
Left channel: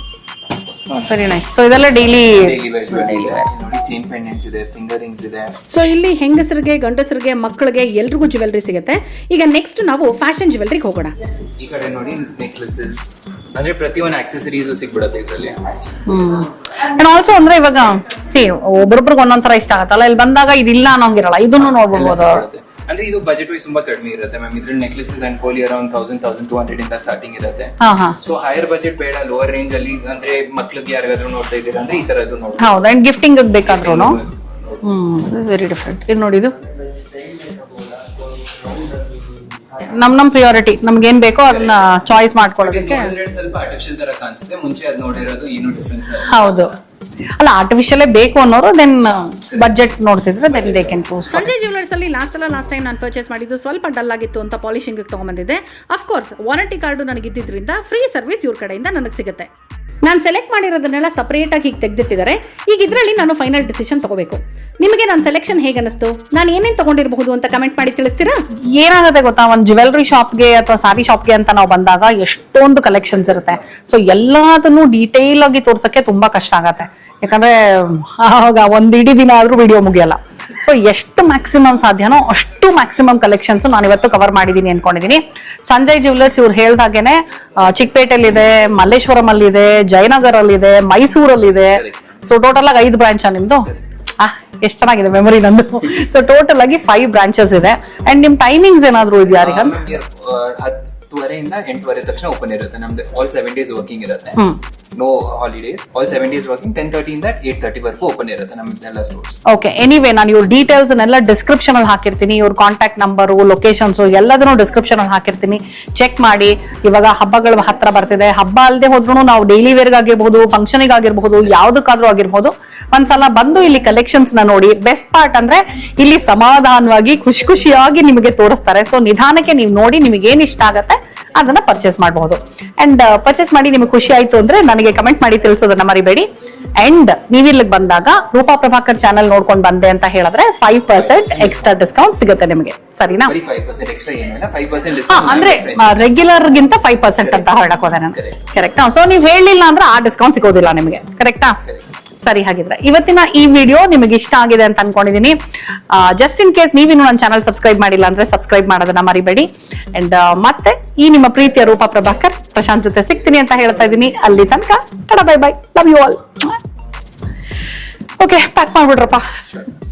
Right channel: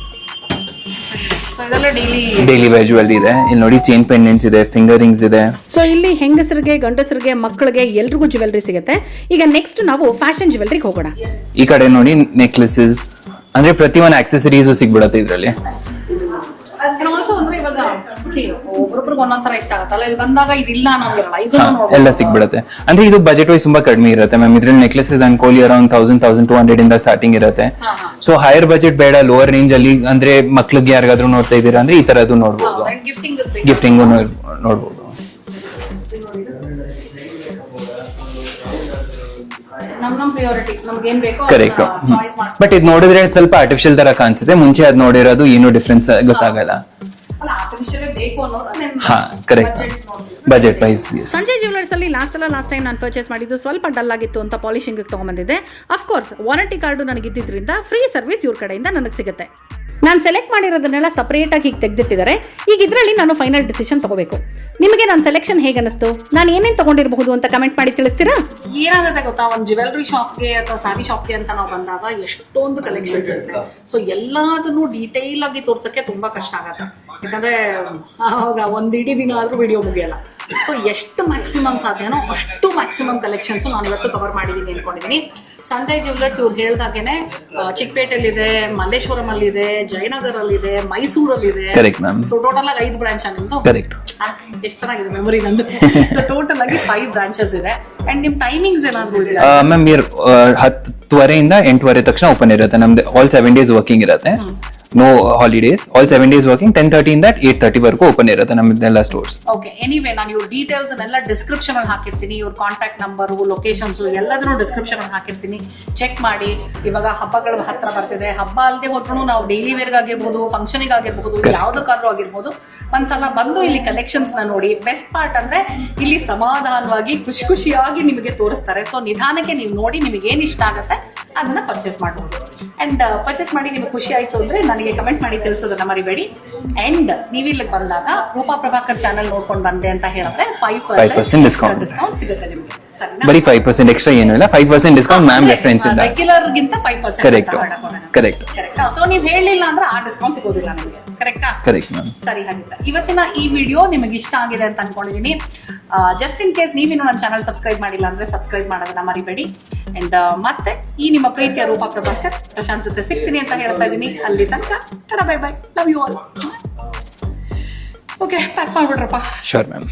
Very nice. ಸೊ ಇದೆಲ್ಲ ಡೈಲಿ ವೇರ್ ಜ್ಯುವೆಲ್ಲರಿ ಇದೆ. ಇಲ್ಲಿ ನೋಡಿ, ಚೈನ್ ಪೆಂಡೆಂಟ್ಸ್ ಇದೆ, ಫಿಂಗರ್ ರಿಂಗ್ಸ್ ಇದೆ. ಸೊ ಇಲ್ಲಿ ಹೆಂಗಸರಿಗೆ, ಗಂಡಸರಿಗೆ, ಮಕ್ಕಳಿಗೆ ಎಲ್ರಿಗೂ ಜ್ಯುವೆಲ್ಲರಿ ಸಿಗುತ್ತೆ. ಈಗ ನೆಕ್ಸ್ಟ್ ನಾವು ಫ್ಯಾಷನ್ ಜ್ಯುವೆಲ್ಲರಿಗೆ ಹೋಗೋಣ. ಈ ಕಡೆ ನೋಡಿ, ನೆಕ್ಲೆಸಸ್ ಅಂದ್ರೆ ಪ್ರತಿ ಒಂದು ಆಕ್ಸೆಸರೀಸ್ ಸಿಗ್ಬಿಡತ್ತೆ ಇದ್ರಲ್ಲಿ. ಅಂಡ್ ಆಲ್ಸೋ ಅಂದ್ರೆ ಇವಾಗ ಒಬ್ಬೊಬ್ರಿಗೆ ಒಂದೊಂದರ ಇಷ್ಟ ಆಗತ್ತಲ್ಲ, ಇಲ್ಲಿ ಬಂದಾಗ ಇದಿಲ್ಲ ಅನ್ನೋಂಗಿರಲ್ಲ, ಇದನ್ನು ಎಲ್ಲ ನೋಡ್ಬೋದು. ಸಿಗ್ಬಿಡುತ್ತೆ. ಅಂದ್ರೆ ಇದು ಬಜೆಟ್ ವೈಸ್ ತುಂಬಾ ಕಡಿಮೆ ಇರುತ್ತೆ ಮ್ಯಾಮ್. ಇದ್ರಲ್ಲಿ ನೆಕ್ಲೆಸಸ್ ಅನ್ಕೊಳ್ಳಿ ಅರೌಂಡ್ 1,000-1,200 ಇಂದ ಸ್ಟಾರ್ಟಿಂಗ್ ಇರುತ್ತೆ. ಸೊ ಹೈಯರ್ ಬಜೆಟ್ ಬೇಡ, ಲೋವರ್ ರೇಂಜ್ ಅಲ್ಲಿ ಅಂದ್ರೆ ಮಕ್ಳಿಗೆ ಯಾರಿಗಾದ್ರೂ ನೋಡ್ತಾ ಇದೀರಾ ಅಂದ್ರೆ ಈ ತರದ್ದು ನೋಡ್ಬೋದು. ಹೌದು. ಅಂಡ್ ಗಿಫ್ಟಿಂಗ್ ಬೇಕಾಗ್ತದೆ. ನೋಡ್ಬೋದು. Very different. ಇದು ನೋಡಿ, ಇದು ನಮ್ ಪ್ರಿಯಾರಿಟಿ, ನಮ್ಗೆ ಏನ್ ಬೇಕೋ ಅದನ್ನ ಚಾಯ್ಸ್ ಬಟ್ ಮಾಡ್ಕೊಂಡು. ಇದು ನೋಡಿದ್ರೆ ಸ್ವಲ್ಪ ಆರ್ಟಿಫಿಷಿಯಲ್ ತರ ಕಾಣಿಸುತ್ತೆ. ಮುಂಚೆ ಅದ್ ನೋಡಿರೋದು ಏನು ಡಿಫ್ರೆನ್ಸ್ ಗೊತ್ತಾಗಲ್ಲ. ಅಲ್ಲ, ಆರ್ಟಿಫಿಷಿಯಲ್ ಬೇಕು ಅನ್ನೋರು ದೆನ್ ಬಜೆಟ್ ನೋಡ್ತಿದ್ರೆ Budget price. ಸಂಜಯ್ ಜ್ಯುವೆಲ್ಲರ್ಸ್ ಅಲ್ಲಿ ಲಾಸ್ಟ್ ಟೈಮ್ ನಾನು ಪರ್ಚೇಸ್ ಮಾಡಿದ್ದು ಸ್ವಲ್ಪ ಡಲ್ ಆಗಿತ್ತು ಅಂತ ಪಾಲಿಶಿಂಗ್ ತಗೊಂಡ್ಬಂದಿದ್ದೆ. ಅಫ್ಕೋರ್ಸ್ ವಾರಂಟಿ ಕಾರ್ಡು ನನಗೆ ಇದ್ದಿದ್ರಿಂದ ಫ್ರೀ ಸರ್ವಿಸ್ ಇವ್ರ ಕಡೆಯಿಂದ ನನಗೆ ಸಿಗುತ್ತೆ. ನಾನು ಸೆಲೆಕ್ಟ್ ಮಾಡಿರೋದನ್ನೆಲ್ಲ ಸಪರೇಟ್ ಆಗಿ ಹೀಗೆ ತೆಗೆದಿಟ್ಟಿದ್ದಾರೆ. ಈಗ ಇದರಲ್ಲಿ ನಾನು ಫೈನಲ್ ಡಿಸಿಷನ್ ತಗೋಬೇಕು. ನಿಮಗೆ ನನ್ನ ಸೆಲೆಕ್ಷನ್ ಹೇಗೆ ಅನಿಸ್ತು? ನಾನು ಏನೇನು ತಗೊಂಡಿರಬಹುದು ಅಂತ ಕಮೆಂಟ್ ಮಾಡಿ ತಿಳಿಸ್ತೀರಾ? ಏನಾಗುತ್ತೆ ಗೊತ್ತಾ, ಒಂದು ಜ್ಯುವೆಲ್ಲರಿ ಶಾಪ್ಗೆ ಅಥವಾ ಸಾರಿ ಶಾಪ್ಗೆ ಅಂತ ನಾವು ಬಂದಾಗ ಎಷ್ಟೊಂದು ಕಲೆಕ್ಷನ್ಸ್ ಇರುತ್ತೆ. ಸೊ ಎಲ್ಲದನ್ನು ಡೀಟೇಲ್ ಆಗಿ ತೋರ್ಸಕ್ಕೆ ತುಂಬಾ ಕಷ್ಟ ಆಗತ್ತೆ. ಯಾಕಂದ್ರೆ ಆವಾಗ ಒಂದ್ ಇಡೀ ದಿನ ಆದ್ರೂ ವಿಡಿಯೋ ಮುಗಿಯಲ್ಲ. ಸೊ ಎಷ್ಟು ಮ್ಯಾಕ್ಸಿಮಮ್ ಸಾಧ್ಯನೋ ಅಷ್ಟು ಮ್ಯಾಕ್ಸಿಮಮ್ ಕಲೆಕ್ಷನ್ಸ್ ನಾನು ಇವತ್ತು ಕವರ್ ಮಾಡಿದೀನಿ ಅನ್ಕೊಂಡಿದೀನಿ. ಸಂಜಯ್ ಜ್ಯುವೆಲ್ಲರ್ಸ್ ಇವ್ರು ಹೇಳ್ದಾಗೇನೆ ಚಿಕ್ಕಪೇಟೆಲ್ಲಿದೆ, ಮಲ್ಲೇಶ್ವರಂ ಅಲ್ಲಿದೆ, ಜಯನಗರ್ ಅಲ್ಲಿದೆ, ಮೈಸೂರಲ್ಲಿದೆ. ಸೊ ಟೋಟಲ್ ಆಗಿ 5 ಬ್ರಾಂಚ್ ನಿಮ್ದು. ಎಷ್ಟು ಚೆನ್ನಾಗಿದೆ ಮೆಮೊರಿ ನಂದು. ಸೊ ಟೋಟಲ್ ಆಗಿ 5 ಬ್ರಾಂಚಸ್ ಇದೆ. ಅಂಡ್ ನಿಮ್ ಟೈಮಿಂಗ್ಸ್ ಏನಾದ್ರು ಇದೆಯಾ? ಮ್ಯಾಮ್ 10:30 8:00 ತಕ್ಷಣ ಓಪನ್ ಇರುತ್ತೆ ನಮ್ದು. ಆಲ್ 7 days ವರ್ಕಿಂಗ್ ಇರುತ್ತೆ. No holidays. All 7 days working. 10:30 ಇಂದ 8:30 ವರೆಗೂ ಓಪನ್ ಇರುತ್ತೆ ನಮ್ದೆಲ್ಲ ಸ್ಟೋರ್ಸ್. ಓಕೆ. ಎನಿವೇ ನಾನು ಇವ್ರ ಡೀಟೇಲ್ಸ್ ಎಲ್ಲ ಡಿಸ್ಕ್ರಿಪ್ಷನ್ ಅಲ್ಲಿ ಹಾಕಿರ್ತೀನಿ. ಇವ್ರ ಕಾಂಟ್ಯಾಕ್ಟ್ ನಂಬರ್, ಲೊಕೇಶನ್ಸ್ ಎಲ್ಲದನ್ನು ಡಿಸ್ಕ್ರಿಪ್ಷನ್ ಅಲ್ಲಿ ಹಾಕಿರ್ತೀನಿ. ಚೆಕ್ ಮಾಡಿ. ಇವಾಗ ಹಬ್ಬಗಳು ಹತ್ರ ಬರ್ತಿದೆ. ಹಬ್ಬ ಅಲ್ಲದೆ ಹೋದ್ರು ನಾವು ಡೈಲಿ ವೇರ್ ಆಗಿರ್ಬಹುದು, ಫಂಕ್ಷನ್ ಆಗಿರ್ಬಹುದು, ಯಾವ್ದಕ್ಕಾದ್ರೂ ಆಗಿರ್ಬಹುದು, ಒಂದ್ಸಲ ಬಂದು ಇಲ್ಲಿ ಕಲೆಕ್ಷನ್ಸ್ ನ ನೋಡಿ. ಬೆಸ್ಟ್ ಪಾರ್ಟ್ ಅಂದ್ರೆ ಇಲ್ಲಿ ಸಮಾಧಾನವಾಗಿ ಖುಷಿಯಾಗಿ ನಿಮಗೆ ತೋರಿಸ್ತಾರೆ. ಸೊ ನಿಧಾನಕ್ಕೆ ನೀವು ನೋಡಿ, ನಿಮಗೆ ಏನ್ ಇಷ್ಟ ಆಗತ್ತೆ ಅದನ್ನ ಪರ್ಚೇಸ್ ಮಾಡಬಹುದು. ಅಂಡ್ ಪರ್ಚೇಸ್ ಮಾಡಿ ನಿಮಗೆ ಖುಷಿ ಆಯ್ತು ಅಂದ್ರೆ ನನಗೆ ಕಮೆಂಟ್ ಮಾಡಿ ತಿಳಿಸೋದನ್ನ ಮರಿಬೇಡಿ. ಅಂಡ್ ನೀವಿಲ್ಲಿಗೆ ಬಂದಾಗ ರೂಪಾ ಪ್ರಭಾಕರ್ ಚಾನಲ್ ನೋಡ್ಕೊಂಡು ಬಂದೆ ಅಂತ ಹೇಳಿದ್ರೆ 5% ಎಕ್ಸ್ಟ್ರಾ ಡಿಸ್ಕೌಂಟ್ ಸಿಗುತ್ತೆ ನಿಮಗೆ. ಸರಿನಾ? ಬರೀ 5% ಎಕ್ಸ್ಟ್ರಾ ಏನು ಇಲ್ಲ, 5% ಡಿಸ್ಕೌಂಟ್ ಮ್ಯಾಮ್ ರೆಫರೆನ್ಸ್ ಇದೆ. ರೆಗ್ಯುಲರ್ ಗಿಂತ 5% ಅಂತ ಹೇಳಕ್ ಹೋದೆ ನಾನು. ಕರೆಕ್ಟ್. ಸೊ ನೀವು ಹೇಳಿಲ್ಲ ಅಂದ್ರೆ ಆ ಡಿಸ್ಕೌಂಟ್ ಸಿಗೋದಿಲ್ಲ ನಿಮಗೆ. ಕರೆಕ್ಟಾ? Correct ma'am. ಸರಿ, ಹಾಗಿದ್ರೆ ಇವತ್ತಿನ ಈ ವಿಡಿಯೋ ನಿಮಗೆ ಇಷ್ಟ ಆಗಿದೆ ಅಂತ ಅನ್ಕೊಂಡಿದೀನಿ. ಜಸ್ಟ್ ಇನ್ ಕೇಸ್ ನೀವಿನ್ನು ನನ್ನ ಚಾನಲ್ ಸಬ್ಸ್ಕ್ರೈಬ್ ಮಾಡಿಲ್ಲ ಅಂದ್ರೆ ಸಬ್ಸ್ಕ್ರೈಬ್ ಮಾಡೋದನ್ನ ಮರಿಬೇಡಿ. ಅಂಡ್ ಮತ್ತೆ ಈ ನಿಮ್ಮ ಪ್ರೀತಿಯ ರೂಪಾ ಪ್ರಭಾಕರ್ ಪ್ರಶಾಂತ್ ಜೊತೆ ಸಿಗ್ತೀನಿ ಅಂತ ಹೇಳ್ತಾ ಇದ್ದೀನಿ. ಅಲ್ಲಿ ತನಕ tata, bye bye, love you all. Okay, pack ಮಾಡ್ಬಿಡ್ರಪ್ಪ. Sure ma'am.